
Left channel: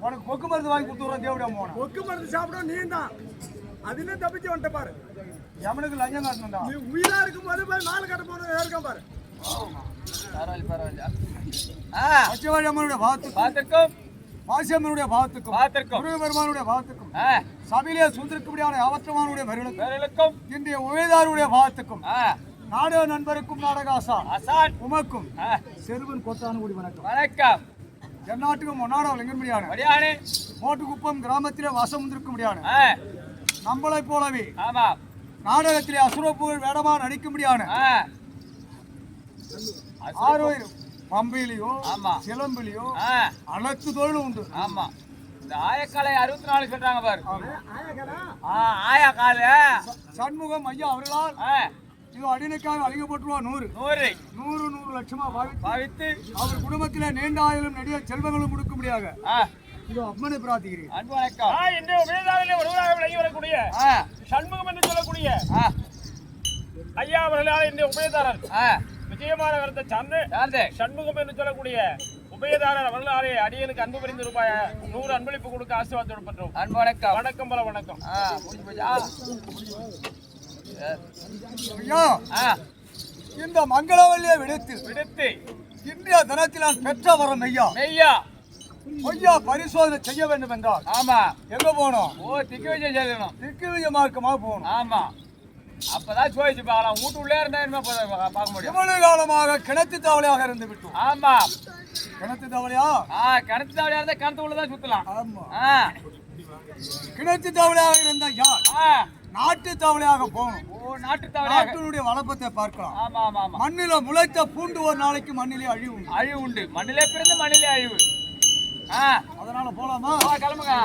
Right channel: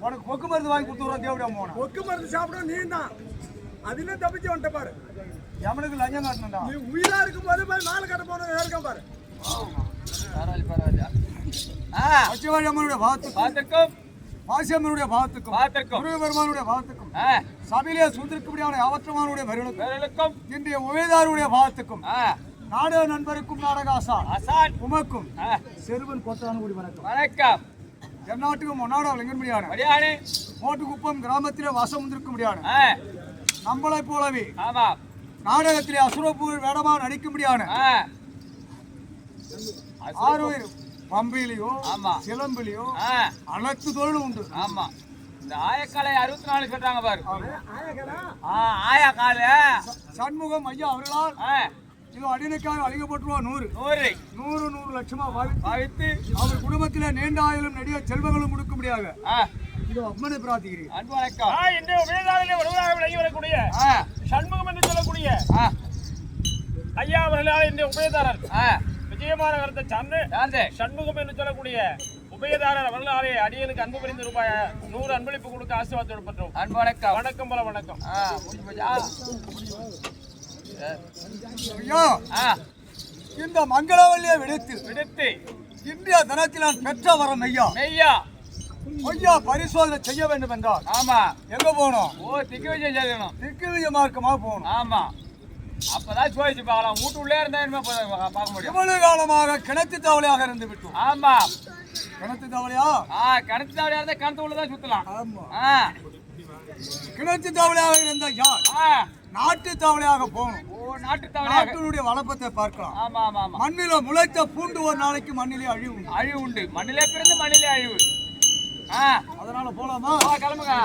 உனக்கு கொக்கு மருந்து வாங்கி கொடுத்துறோம். தேவடியா போன கொக்கு மருந்து சாப்பிடும் நீ தான் அதுல தப்பிச்சு வந்துட்ட பாரு. எவனுக்கு லஞ்சம் காட்டணும்டா. நீ உயிரா இருக்கும் போது போய் மாலை கட்ட போன இருக்கான் பாரு. பச்சைவாழி அம்மனுடைய பாத்துக்கும் மாசியம்மனுடைய பாத்துக்கும் முருகபெருமானுடைய பாத்துக்கும் சபையிலே சுந்திருக்கும்படியான அவற்றமானுடைய மருளுக்கும் இன்றைய உபயதாருடைய பாத்துக்கும் நாடக நண்பருக்கும் நாடகாசா உமக்கும் செருவன் கொட்டானுகுடி வணக்கம். வணக்கம். எந்நாட்டுக்கும் ஒன்னாட விளங்கும்படியான மோட்டுக்குப்பம் கிராமத்திலே வாசம் வந்திருக்கும்படியான நம்மளை போலவே நாடகத்திலே அசுரப்புகள் வேடமா நடிக்கும்படியான ஆரோயிரும் பம்பையிலையோ சிலம்பிலையோ அனைத்து தொழிலும் உண்டு. ஆமா இந்த ஆயக்காலை 64 சொல்றாங்க பாரு. ஆயக்கால சண்முகம் ஐயா அவர்களால் இதோ அடிமைக்காக அழிக்கப்பட்டுருவா 100 லட்சமா பாவித்து அவர் குடும்பத்திலே நீண்ட ஆயுளும் நெடிய செல்வங்களும் கொடுக்க முடியாது. இதோ அம்மனை பிரார்த்திக்கிறேன். அன்பு வணக்கம். இந்த உபயதாரிலே ஒருவராக விளங்கி வரக்கூடிய சண்முகம் என்று சொல்லக்கூடிய ஐயா அவர்களால் இந்த உபயதாரர் விஜயமாநகரத்தை சார்ந்து சண்முகம் என்று சொல்லக்கூடிய உபயதாரர் அவர்களாலே அடியனுக்கு அன்பு புரிந்து ரூபாய் 100 அன்பளிப்பு கொடுக்க ஆசீர்வாதம் பண்றோம். அன்பு வணக்கம். வணக்கம் பல வணக்கம். ஐயா இந்த மங்களவல்லியை விடுத்து இந்திய தினத்தில் நான் பெற்ற வரம் ஐயா பரிசோதனை செய்ய வேண்டும் என்றால் ஆமா எங்க போனோம்? திக்கு விஜயம் செய்யணும். திக்கு விஜய மார்க்கமா போகணும். ஆமா அப்பதான் சோதிச்சு பார்க்கலாம். வீட்டு உள்ளே இருந்தா என்ன பார்க்க முடியும்? இவ்வளவு காலமாக கிணத்து தவளையாக இருந்து விட்டோம். ஆமா கிணத்து தவளையா? கிணத்து தவளையா இருந்தா கிணத்து உள்ளதான் சுத்தலாம். ஆமா கிணத்து தவளையாக இருந்த யார் நாட்டு தவளையாக போகணும். நாட்டு தவளை நாட்டினுடைய வளப்பத்தை பார்க்கலாம். ஆமா ஆமா ஆமா மண்ணில முளைத்த பூண்டு ஒரு நாளைக்கு மண்ணிலே அழிவு உண்டு. மண்ணிலே பிறந்து மண்ணிலே அழிவு. அதனால போலாமா? கிளம்புங்க.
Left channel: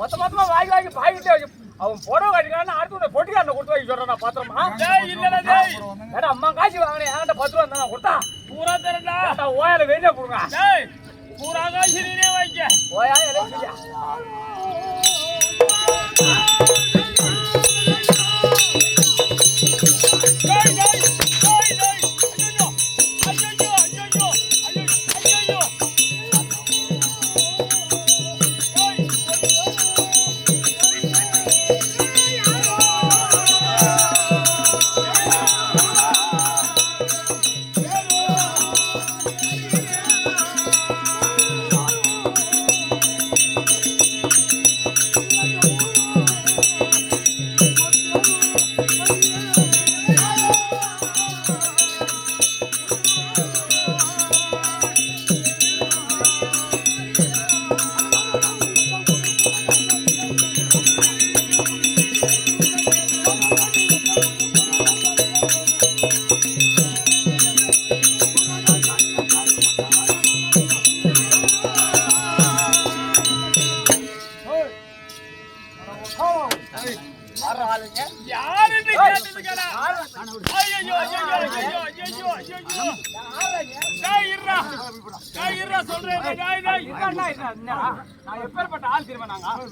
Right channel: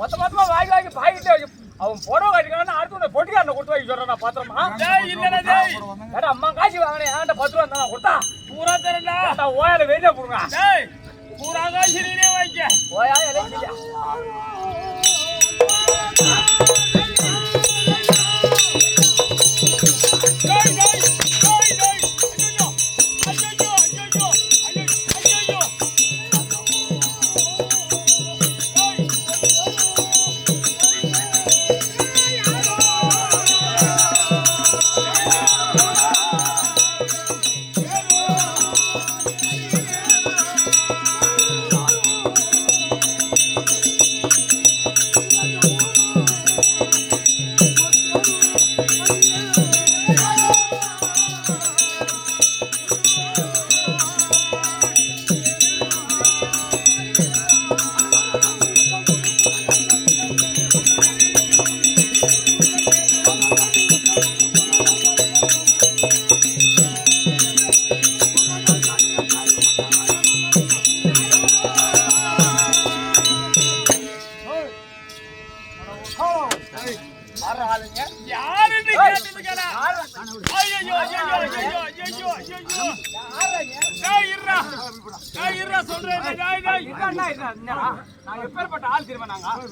மொத்தமா வாங்கி பாக்கிட்டே அவன் புடவை கட்டிக்கான அடுத்து பொட்டிக்காரனை கொடுத்து வைக்க சொல்றேன் நான் பாத்திரமா. ஏடா அம்மா காசு வாங்கினேன் ஏன்டா 10 ரூபா இருந்தா கொடுத்தா பூரா தரண்டா. ஏன்டா ஓயால வெளியே போடுங்க. பூரா காசு நீனே வைக்க. ஓயா எலெக்ஷன் யாருன்னு கேட்டதுக்கடா. ஐயோ ஐயோ ஐயோ ஐயோ ஐயோ. டேய் இருடா. டேய் இருடா சொல்றேன். டேய் டேய் நான் எப்பேற்பட்ட ஆள் தெரியுமா நாங்க ஆறு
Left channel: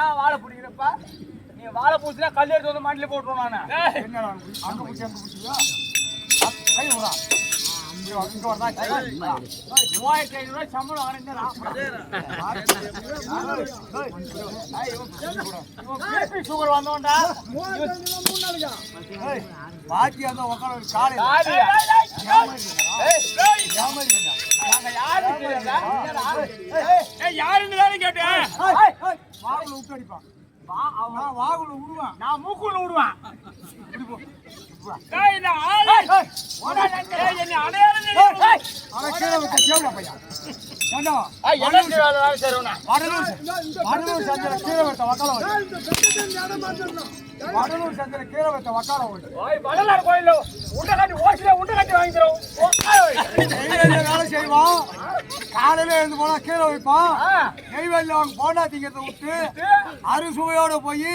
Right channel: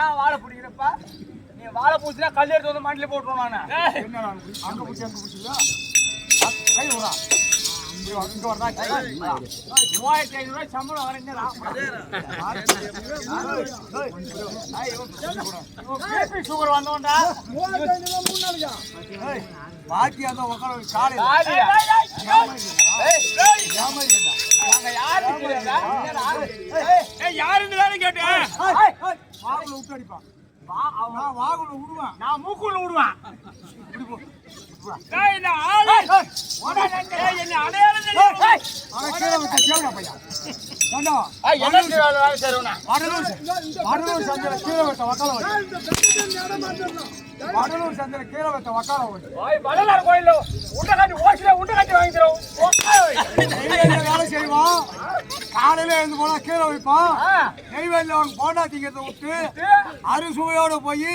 ஏன் வாழை பிடிக்கிறப்பா நீ வாழை பூச்சினா கல் எடுத்து வந்து மாட்டில போட்டுருவோம் நானு. என்னடா அங்க பிடிச்சி அங்க பிடிச்சியா கை விடா இங்க வரதா 3500 சம்பளம் வரேன்னா சுகர் வந்தோண்டா பாக்கி அந்த உட்கார காலையில யாருன்னு தானே கேட்டேன். வாகுல விட்டு அடிப்பான் வாகுல விடுவான் நான் மூக்குள்ள விடுவேன். டேய் இந்த ஆளு டேய் என்ன அடையாளம் தெரியும். ஆனா கீழே வச்ச கேவடா பையா ஏண்டா வடலூர் சந்தையில கீழே வச்ச வக்கால வடலூர் சந்தையில கீழே வச்ச வக்கால வடலார் கோயில்ல உண்டை கட்டி ஓசில உண்டை கட்டி வாங்கி தரோம். வேலை செய்வோம் காலையில எழுந்து போனா கீழே வைப்போம் நெய்வேலியில் அவங்க போண்டா திங்கிறத விட்டு அறுசுவையோட போய்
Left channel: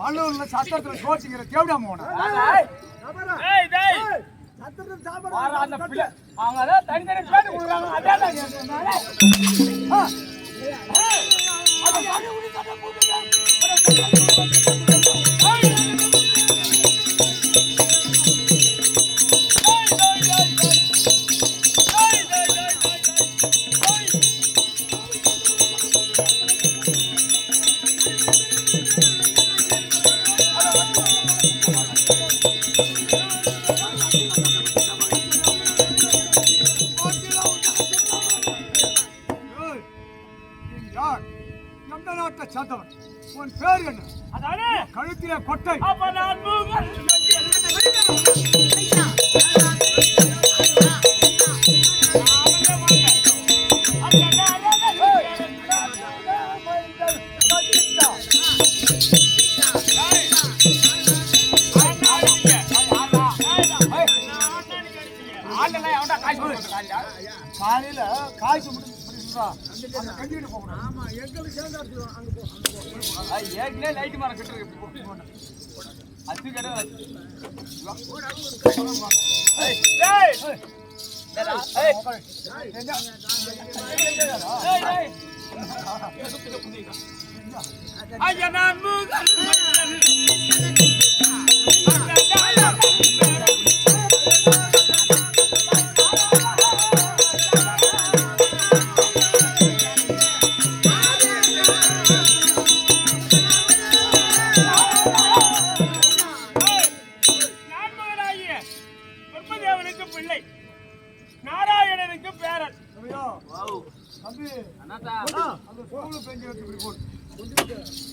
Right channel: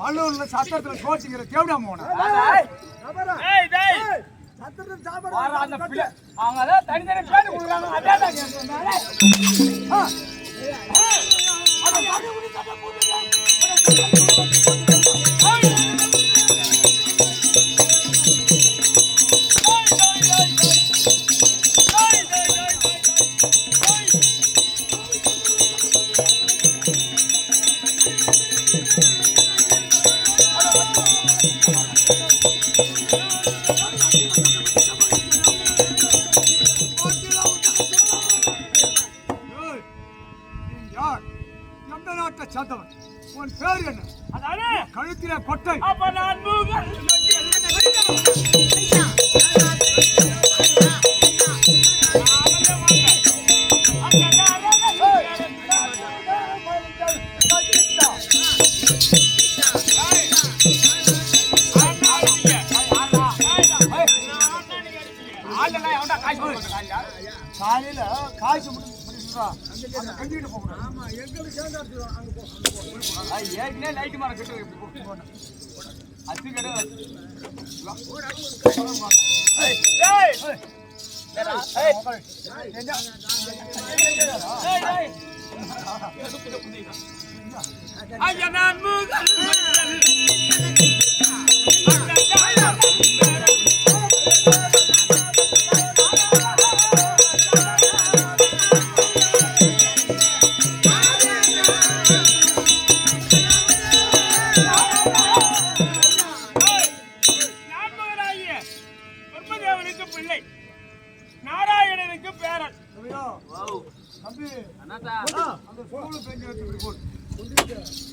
வள்ளூர்ல சத்திரத்துல சோச்சிக்கிற கேவடா போன டேய் டேய் சத்திரத்துல சாப்பாடு அவங்க அதான் தனித்தனி பேசி கொடுக்குறாங்க. எந்த நாட்டை சேர்ந்தவன் உன் பேர் என்ன அதானே கழுத்திலே கொட்டை அப்ப நான் மூகன் காலையில காய்ச்சி முடிச்சுடா கஞ்சிட்டு போகணும். ஆமா எங்களுக்கு சேர்ந்து அங்க போ ஏற்கனவே லைட் மரம் கட்டு அது கடை ஐயா நான் மூகன் பிள்ளை நாராயணனுக்கு பேரன். தம்பி அந்த ஸ்கூலு பெஞ்சு எடுத்து இப்படி போட்டு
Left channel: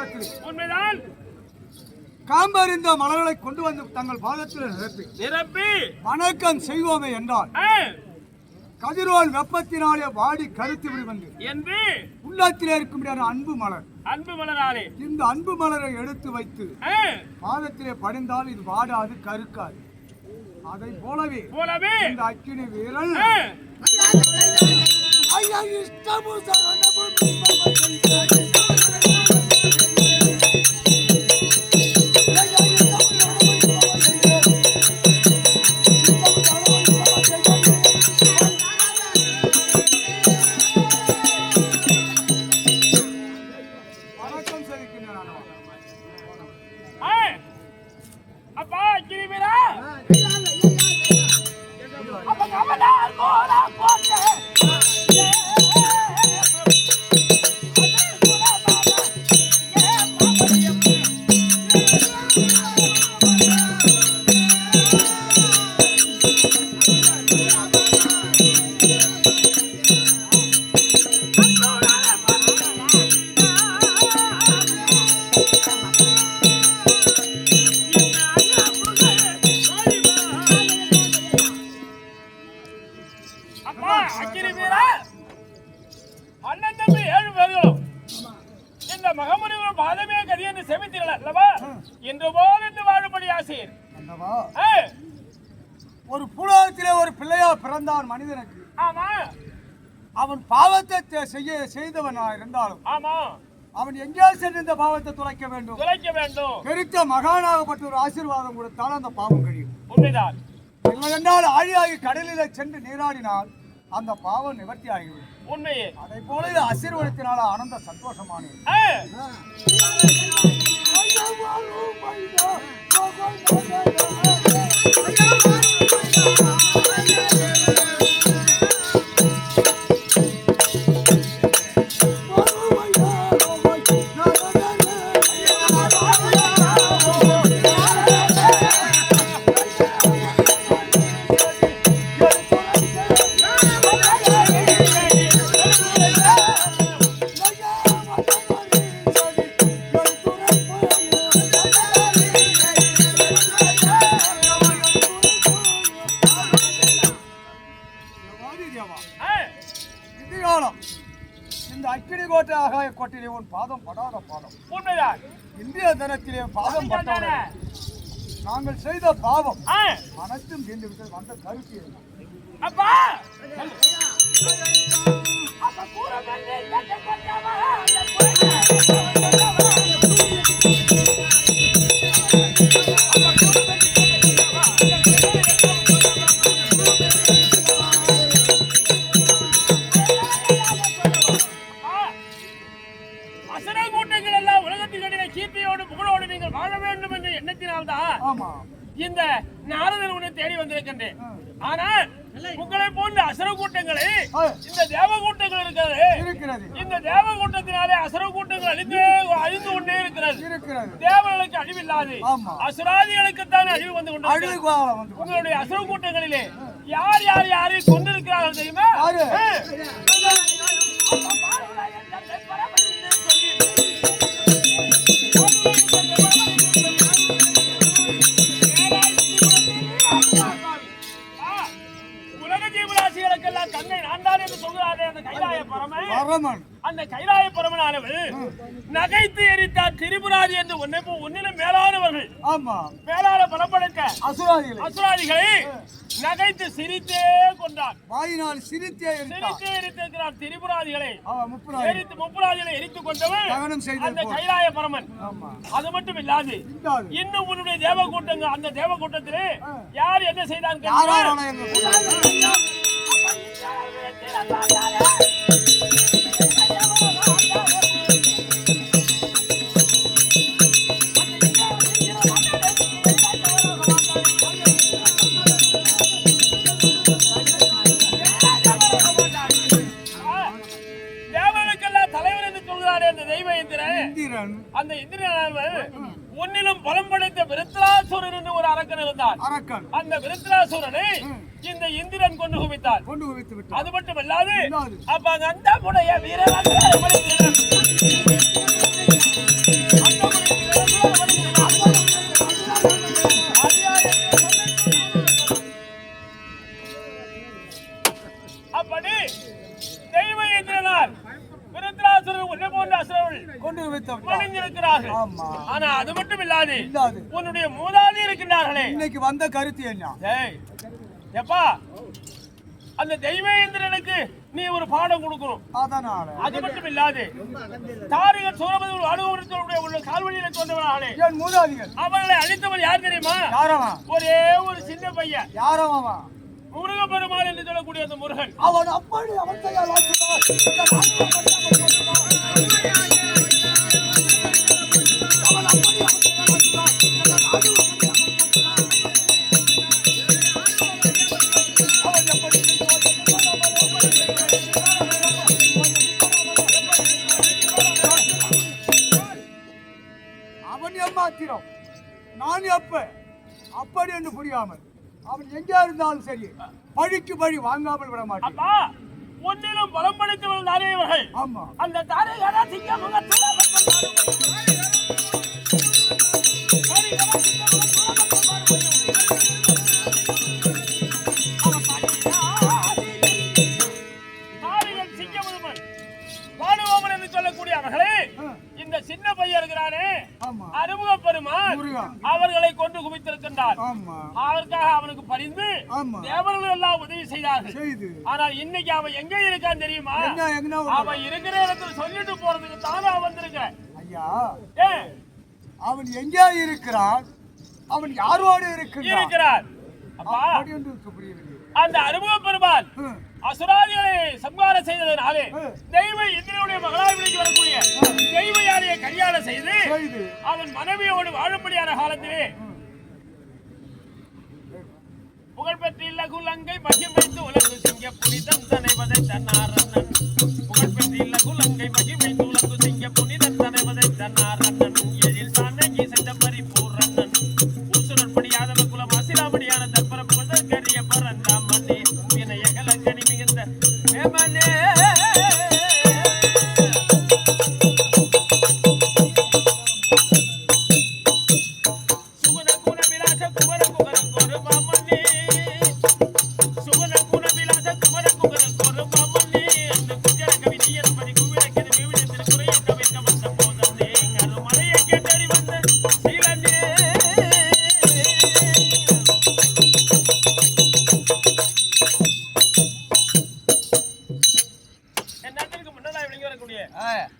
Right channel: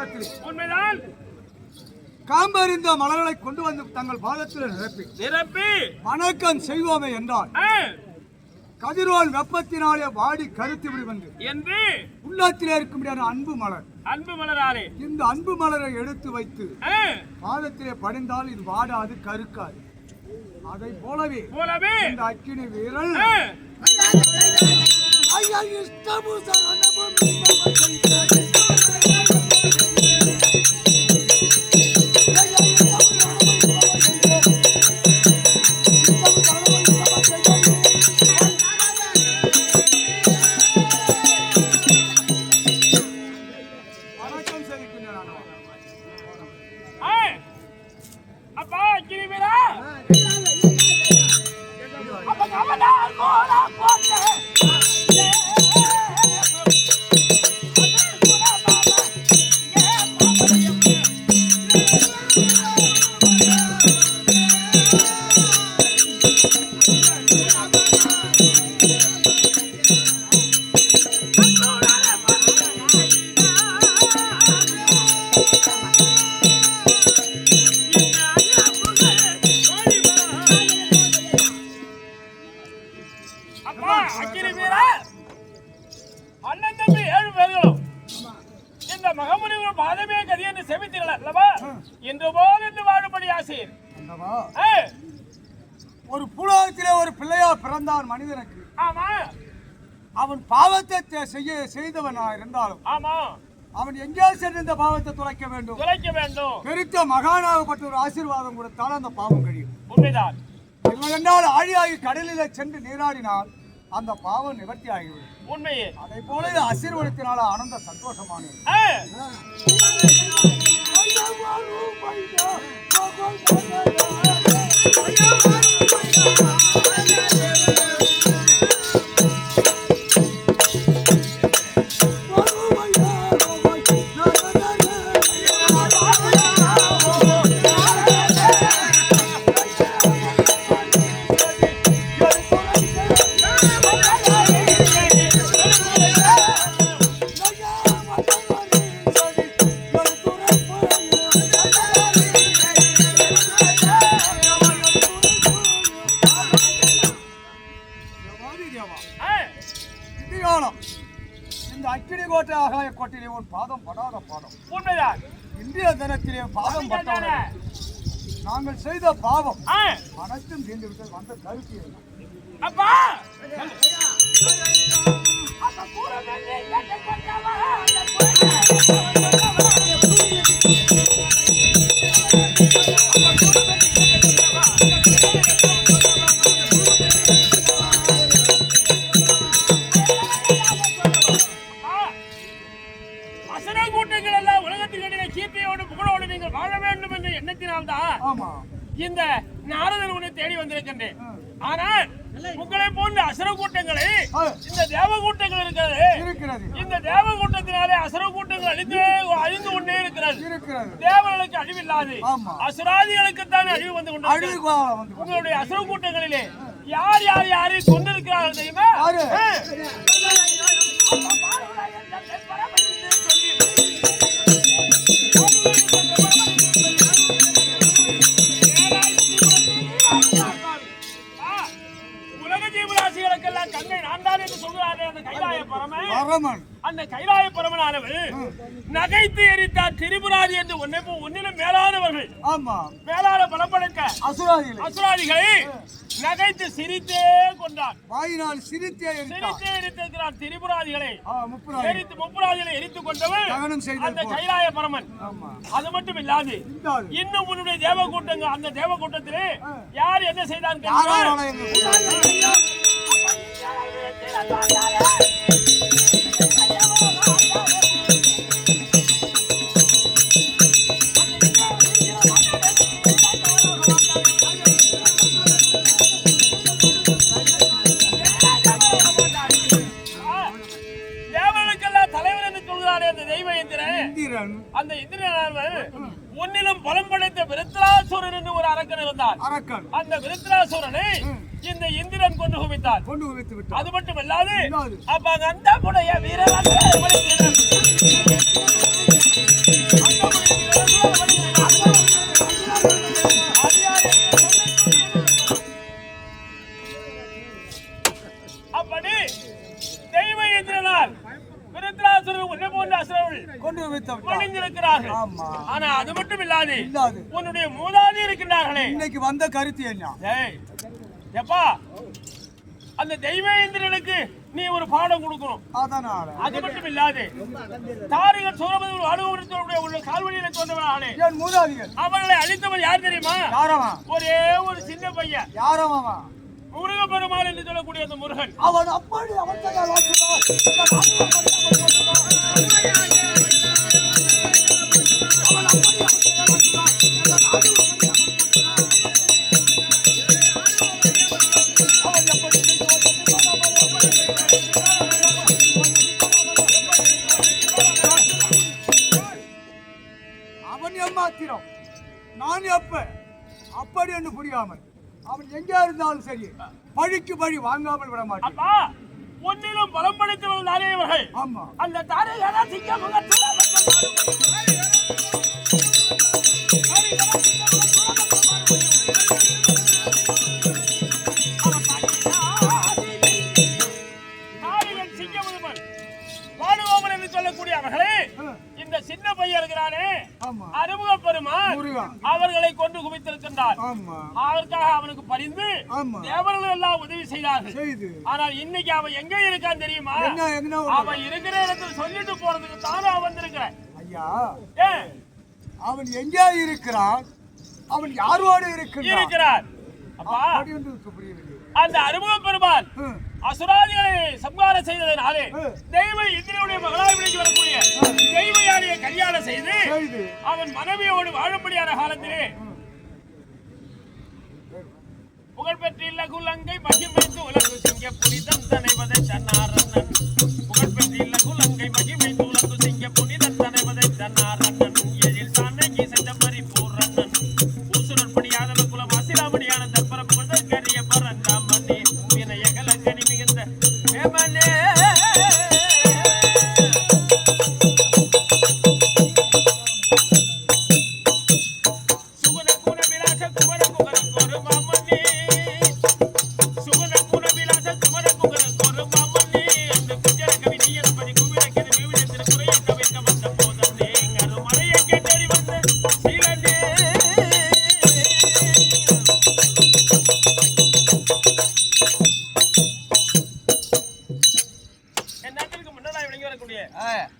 பாதத்தில் உண்மைதான். காம்பறிந்த மலர்களை கொண்டு வந்து தங்கள் பாதத்தில் நிரப்பி வணக்கம் செய்வோமே என்றால் கதிரோல் வெப்பத்தினாலே வாடி கருத்து விடுவது என்று உள்ளத்திலே இருக்கும் அன்பு மலராலே இந்த அன்பு மலரை எடுத்து வைத்து பாதத்திலே படிந்தால் இது வாடாது கருக்காது. அதை போலவே இந்த அக்கினி வீரல் அப்பா அக்கினி வீரா அப்ப கமலால் போல போட்டே ஒரு புலகத்திலே ஒரு பிள்ளையா பிறந்தான் மனிதனுக்கு. ஆமா, அவன் பாவத்தை செய்தவனா இருந்தாலும் ஆமா, அவன் எங்கே சென்று இந்த பாவத்தை துளைக்க வேண்டும். பெருத்த மகானாகப்பட்ட ஒரு ஆசீர்வாதம் கொடுத்தால் அந்த பாவம் கழியும். உண்மைதான். இல்லையென்றால் ஆழியாகி கடலிலே சென்று நீராடினால் அந்த பாவம் நிவர்த்தி ஆகிவிடும். உண்மையே. அதை போல இது ஆசீர்வாதத்தினால ஆனந்த சந்தோஷமானது. இந்த அக்கினி கோட்டை ஆகாய கோட்டையிலே உன் பாதம் படாத பாதம். உண்மைதான். இந்திய தினத்திலே பாதம் பட்டவர்கள் நாங்கள் செய்த பாவம் அனைத்தும் தீர்ந்து விட்டு வந்த கருத்து அப்பா இந்த நாரதர் உன்னை தேடி வந்திருக்கின்றேன். ஆனால் உங்களை போன்ற அசுர கூட்டங்களை இந்த தேவ கூட்டங்கள் இருக்கிறது. இந்த தேவ கூட்டத்தினாலே அசுர கூட்டங்கள் அழிந்து கொண்டே இருக்கிறது. தேவர்களுக்கு அழிவில்லாது அசுராதிகளுக்கு தான் அழிவு வந்து கொண்டு. உங்களுடைய அசுர கூட்டங்களிலே யார் யார் யாரை கொண்டிருக்கிறார்கள் தெரியுமா? அந்த கைலாய பரமனானவர் நகைத்து எரித்தார் திரிபுராதி என்று ஒன்னிலும் மேலானவர்கள். மேலான பலப்படைத்த அசுராதிகளை நகைத்து சிரித்தே கொண்டார். வாயினால் சிரித்தே எரித்திருக்கிறார் திரிபுராதிகளை. முப்புராதிகளை எரித்துக் கொண்டவர் அந்த கைலாய பரமன். அது மட்டும் இல்லாது இன்னும் உன்னுடைய தேவ கூட்டங்கள், அந்த தேவ கூட்டத்திலே யார் என்ன செய்தார்? அந்த இந்திரன் ஒன்னிலும் பலம் படைத்த விருத்ராசுரன் என்று ஒரு அரக்கன் இருந்தார். அந்த விருத்ராசுரனை இந்த இந்திரன் கொண்டு குவித்தார். அது மட்டுமல்லாது அப்ப அந்த வீரர் அப்படி தெய்வ எந்திரனால் விருத்ராசுரர் உன்னை போன்ற அசுரர்கள் கொண்டு வைத்தோம் மணிந்திருக்கிறார்கள். ஆமா. ஆனா அது மட்டும் இல்லாது இல்லாது உன்னுடைய மூதாதி இருக்கின்றார்களே. இன்னைக்கு வந்த கருத்து என்ன? ஏய் எப்பா அந்த தெய்வேந்திரனுக்கு நீ ஒரு பாடம் கொடுக்கணும். அதனால அது மட்டும் இல்லாது தாரிகள் சூரபதி அனுபவத்தினுடைய உள்ள கால்வழியில தோன்றவர்களே என் மூதாதிகள் அவர்களை அழித்தவன் யார் தெரியுமா? யாரவா? ஒரே ஒரு சின்ன பையன். யாரவா? முருகப்பெருமாள் என்று சொல்லக்கூடிய அந்த முருகன். அவன் அப்படி அவன் அவன் ஏமாத்திரம் நான் எப்ப அப்படி என்று புரியாமல் அவன் எங்கே இருந்தாலும் சரி பழிக்கு பழி வாங்காமல் விட மாட்டேன். அப்பா ஒன்னிலும் பலம் படைத்தவர்கள் தானே இவர்கள். ஆமா. அந்த தாரையரா சிங்கம் வாடுவோமன் என்று சொல்லக்கூடிய அவர்களே இந்த சின்ன பையன் இருக்கிறானே அறுமுக பெருமான் அவர்களை கொண்டு குவித்திருக்கின்றார். அதற்காக அவனுக்கு பரிந்து தேவர்கள் எல்லாம் உதவி செய்தார்கள். ஆனால் இன்னைக்கு அவன் எங்க இருக்கான்னு தெரியுமா? அவன் இருக்கிற இடத்துல சொல்லிட்டு போறதுக்கு தானே வந்திருக்கிறேன். ஐயா அவன் எங்கே இருக்கிறான்? அவன் யாரோடு இருக்கிறார்? அப்பா அந்த அறுமுக பெருமான் அசுராதிகளை சம்ஹாரம் செய்ததனாலே தெய்வ இந்திரனுடைய மகளாய் விலைக்கு வரக்கூடிய தெய்வ யானையை கல்யாணம் செய்து அவன் மனைவியோடு வாழும்படியான காலத்திலே புகழ்பெற்றில்ல குலங்கை மகிமைந்து உலகு சிங்க புனிதன் தனைவதை தன்னாரண்ணன். புகழ்பெற்றில்ல குலங்கை மகிமைந்து உலகு சிங்க புனிதன் தனைவதை தன்னாரண்ணன். எழில் சாணகி சென்ற பரிபூர்ணன் ஊசுரன் படியாதவ குலம் ஆசிராமணியான தற்பர புகழ்தற்கரிய பரந்தாமனே வினயகல கனி மிகுந்த மேமனே.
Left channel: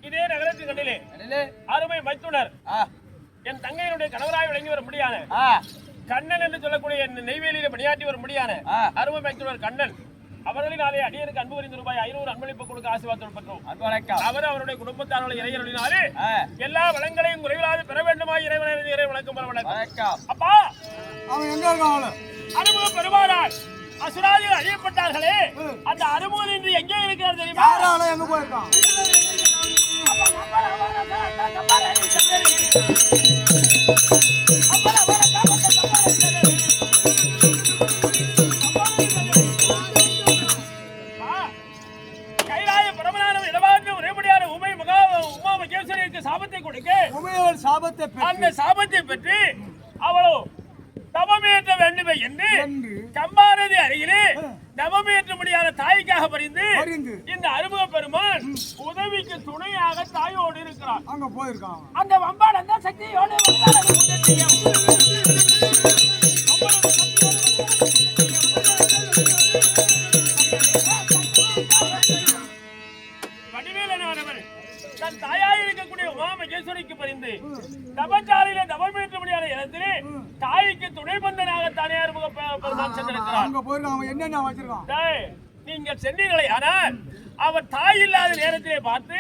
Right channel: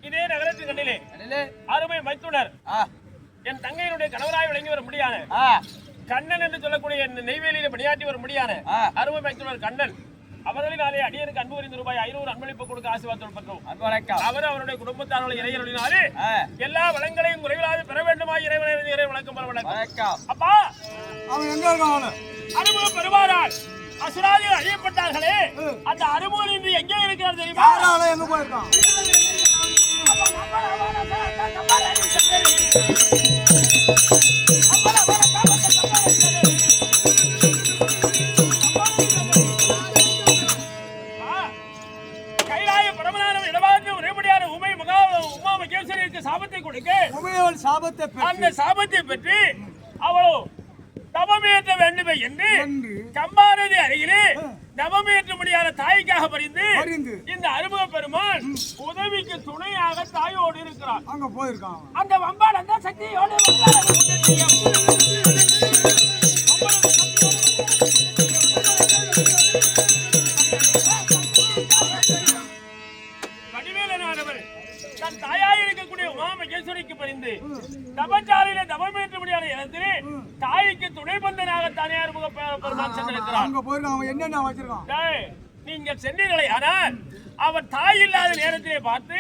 இதே நகரத்தின் கண்ணிலே அருமை மைத்துனர் என் தங்கையினுடைய கணவராய் விளங்கி வர முடியாது கண்ணன் என்று சொல்லக்கூடிய நெய்வேலியில பணியாற்றி வர முடியாது அருமை மைத்துனர் கண்ணன் அவர்களினாலே அடியனுக்கு அன்பு புரிந்து ரூபாய் 500 அன்பளிப்பு கொடுக்க ஆசீர்வாதம் பெற்றோம். அவர் அவருடைய குடும்பத்தார்கள் இறையருளினாலே எல்லா வளங்களையும் குறைவில்லாது பெற வேண்டுமா இறைவனை இறை வணக்கம் பெற வணக்கம். அப்பா அவன் எங்க இருக்கான்? அறுமுக பெருமானார் அசுராதிகள் அழியப்பட்டார்களே அந்த அறுமுகன் இன்று எங்கே இருக்கிறார் தெரியுமா? எங்க போயிருக்கான்? கைலாய பரமனான இடமாற்று உரைபடியான உமா மகேஸ்வரிக்கு சாபத்தை கொடுக்க அந்த சாபத்தை பெற்று அவளோ தவமேற்ற வேண்டுமே என்று கம்பாரதி அருகிலே தவமேற்ற முடியாத தாய்க்காக பரிந்து இந்த அறுமுக பெருமான் உதவிக்கு துணையாக தாயோடு இருக்கிறார். அங்க போயிருக்கான். அந்த வம்பால் அந்த சக்தியோடு வடிவேலனானவர் தன் தாயாய் இருக்கக்கூடிய உமா மகேஸ்வரிக்கு பரிந்து தபச்சாலையில தவமேற்ற முடியாத இடத்திலே தாய்க்கு துணை பந்தனாக தானே அறுமுக பெருமான் சென்றிருக்கிறார். அங்க போயிருக்கான். அவன் என்னென்ன வச்சிருக்கான்? நீங்கள் சென்றீர்களே ஆனால் அவர் தாய் இல்லாத நேரத்திலே பார்த்து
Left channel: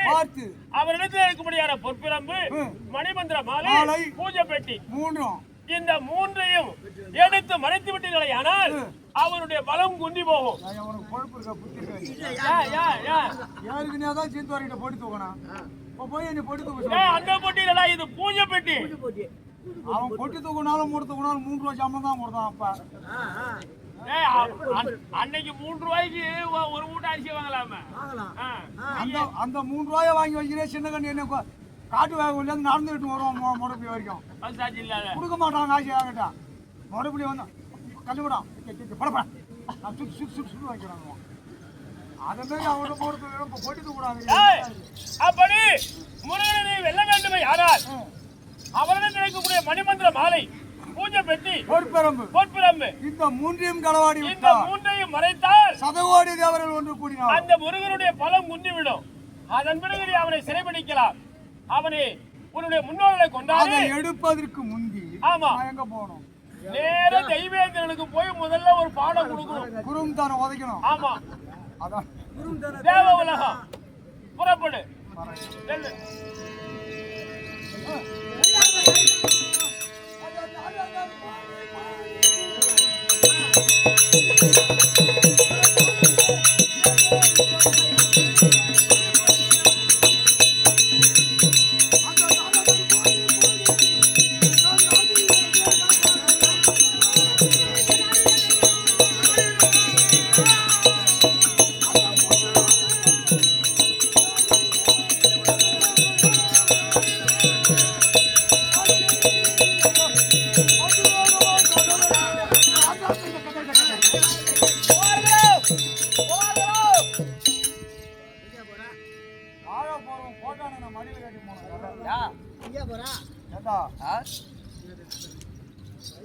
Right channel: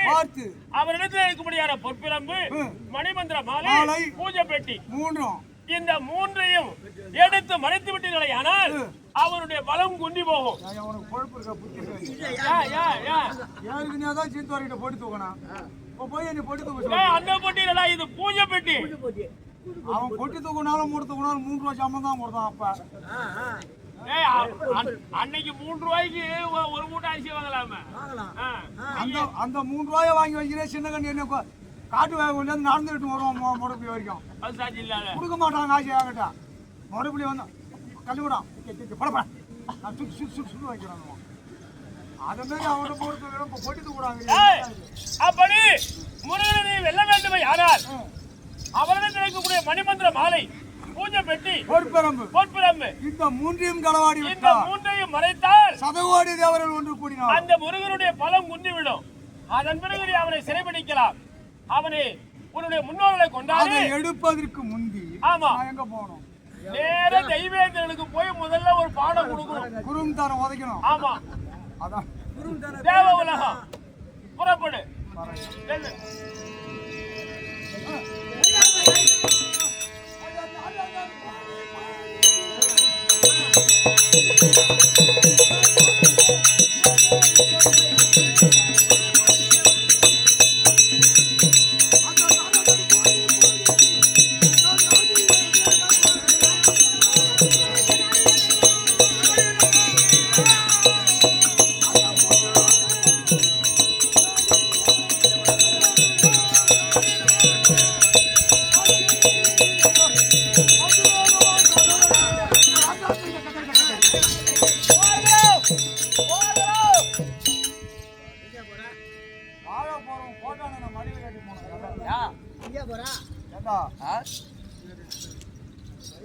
அவரிடத்தில் இருக்க முடியாத பொற்பிரம்பு மணிமந்திர மாலை பூஜை பெட்டி இந்த மூன்றையும் எடுத்து மறைத்து விட்டீர்களே ஆனால் அவருடைய பலம் குண்டி போகும். அந்த பொட்டியில இது பூஜை பெட்டி. அவன் பொட்டி தூக்கினாலும் மூணு தூக்கினாலும் 3 ரூபாய் சம்பளம் தான் கொடுத்தான். அப்ப அன்னைக்கு 3 ரூபாய்க்கு ஒரு மூட்டை அரிசி வாங்கலாமே. அந்த 3 ரூபாயை வாங்கி வைக்கிறேன். சின்ன கண்ணு என்ன காட்டு வேக நடந்துகிட்டு வருவோம் முடப்பி வரைக்கும் கொடுக்க மாட்டான். காசு வாங்கிட்டா மறுபடியும் வந்து கண்டுவிடான் படப்பட சுட்டு வைக்கிறாங்க. அதை மாதிரி அவனை பொறுத்து போட்டிட்டு கூடாது. ஏய், அப்படி முருகனை நீ வெல்ல வேண்டுமே யாரால் அவரிடம் கிடைக்கக்கூடிய மணிமந்திர மாலை, பூஜை பெட்டி, பொற்பரம்பு இந்த மூன்றையும் களவாடி இந்த மூன்றையும் மறைத்தால் சதகோடி தேவர்கள் ஒன்று கூடினார். அந்த முருகனுடைய பலம் குந்திவிடும். அதன் பிறகு நீ அவனை சிறைபிடிக்கலாம். அவனை உன்னுடைய முன்னோர்களை கொண்டாடி எடுப்பதற்கு முந்தி ஆமா எங்க போகணும்? நேர தெய்வேந்திரனுக்கு போய் முதல்ல ஒரு பாடம் கொடுக்கணும். குரும் தானே உதைக்கணும். ஆமா, அதான் தேவ உலகம் புறப்படு. செல்லு.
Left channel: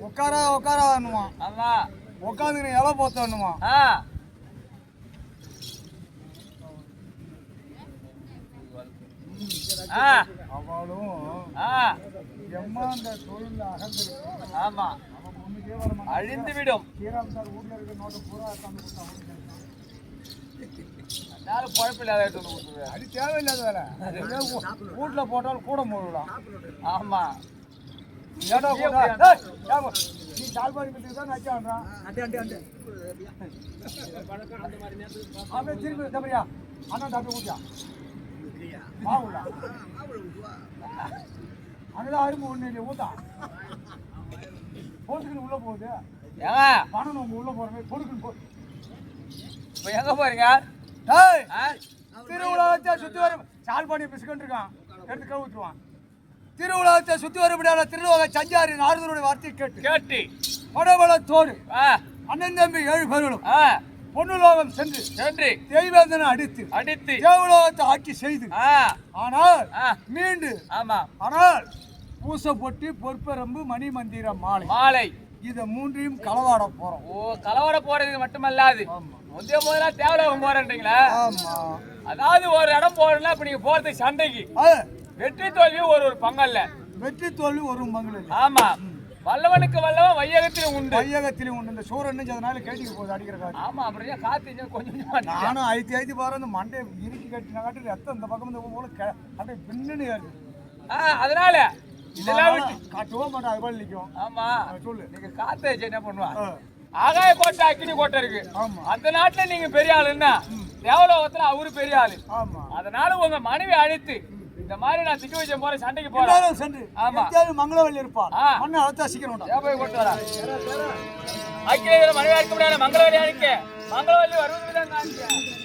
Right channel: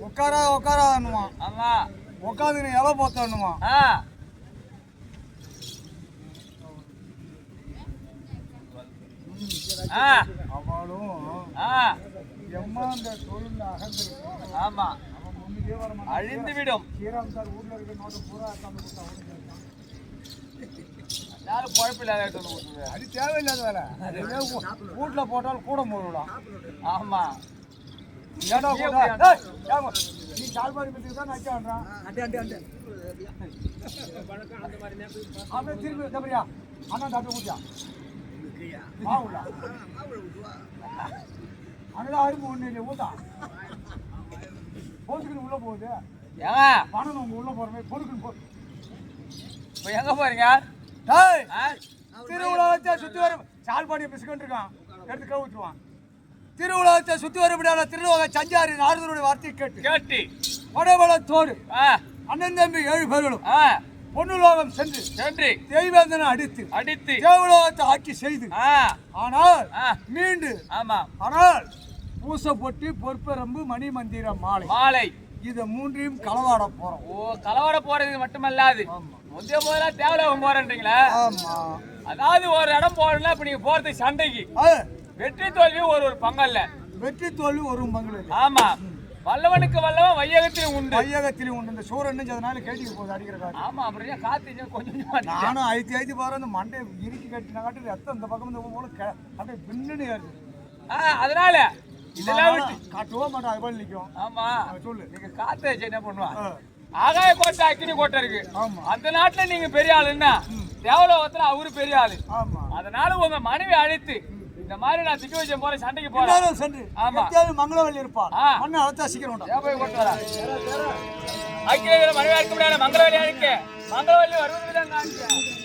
உட்காரா உட்காரான்னுமா, உட்காந்து இலை போத்தணுமா. அவளும் எம்மா அந்த தொழில அகந்திருக்கு. ஆமா, அவன் முன்னுக்கே வர மாட்டான். அழிந்து விடும். ஸ்ரீராம் சார் வீட்டுல இருக்க நோட்டை பூரா தந்து கொடுத்தா அவனும் கேட்கான். யாரும் குழப்பில்லாத அது தேவையில்லாத வேலை. வீட்டுல போட்டாலும் கூட போடலாம். ஆமா, நீ சால்பாடி மீட்டுக்கு தான் நச்சான்றான். அப்படியே திருப்பி தப்பறியா அண்ணா டாக்டர் ஊட்டியா மாவுல அங்கதான் அரும்பு ஒண்ணு இல்லையா ஊத்தா போட்டுக்குன்னு உள்ள போகுது. பணம் உங்க உள்ள போற மாதிரி பொடுக்குன்னு போட்டு இப்ப எங்க போறீங்க? திருவிழாவத்தை சுத்தி வர சால்பாடி பிஸ்கண்ட் இருக்கான், எடுத்து கவுத்துருவான். திருவிழாவத்தை சுத்தி வரப்படியான திருவிழா சஞ்சாரி நாரதனுடைய வார்த்தை கேட்டு படபலத்தோடு அண்ணன் தம்பி 7 பேர்களும் பொன்னுலோகம் சென்று தெய்வேந்தனை அடித்து தேவலோகத்தை ஆட்சி செய்து ஆனால் மீண்டு ஆனால் பூசை பொட்டி பொற்பரம்பு மணி மந்திரம் மாலை இத மூன்றையும் களவாட போறோம். ஓ, களவாட போறது மட்டுமல்லாது முந்தைய முதல்ல தேவலோகம் போறேன்றீங்களா? ஆமா, அதாவது ஒரு இடம் போறேன்னா இப்ப நீங்க போறது சண்டைக்கு வெற்றி தோல்வி ஒரு பங்கல்ல. வெற்றி தோல்வி ஒரு பங்கல். ஆமா, வல்லவனுக்கு வல்லவன் வையகத்திலும் உண்டு. இந்த சூரன் அதனால கேட்டிக்கு போகுது அடிக்கிற காட்டு. ஆமா, அப்படியே காத்து கொஞ்சம் நானும் ஐத்தி பாரு அந்த மண்டை இறுக்கி கட்டின காட்டு ரத்தம் இந்த பக்கம் போல அப்படியே பின்னுன்னு ஏறுது. அதனால இதெல்லாம் காட்டுவோம் மாட்டோம், அது போல நிற்கும். ஆமா, சொல்லு. நீங்க காத்து வச்சு என்ன பண்ணுவான்? ஆகாய கோட்டை அக்கினி கோட்டை இருக்கு. அந்த நாட்டுல நீங்க பெரிய ஆளுன்னா தேவலோகத்துல அவரு பெரிய ஆளு. அதனால உங்க மனைவி அழைத்து இந்த மாதிரி நான் திட்டு வச்ச போற சண்டைக்கு போறேன் சென்று மங்களவல்லி இருப்பான் மண்ணை அழைத்தா சீக்கிரம் போய் கொண்டு வர அக்கினி மனைவி அழைக்க முடியாது. மங்களவல்லி அழைக்க மங்களவல்லி வருவதுதான் காணிக்க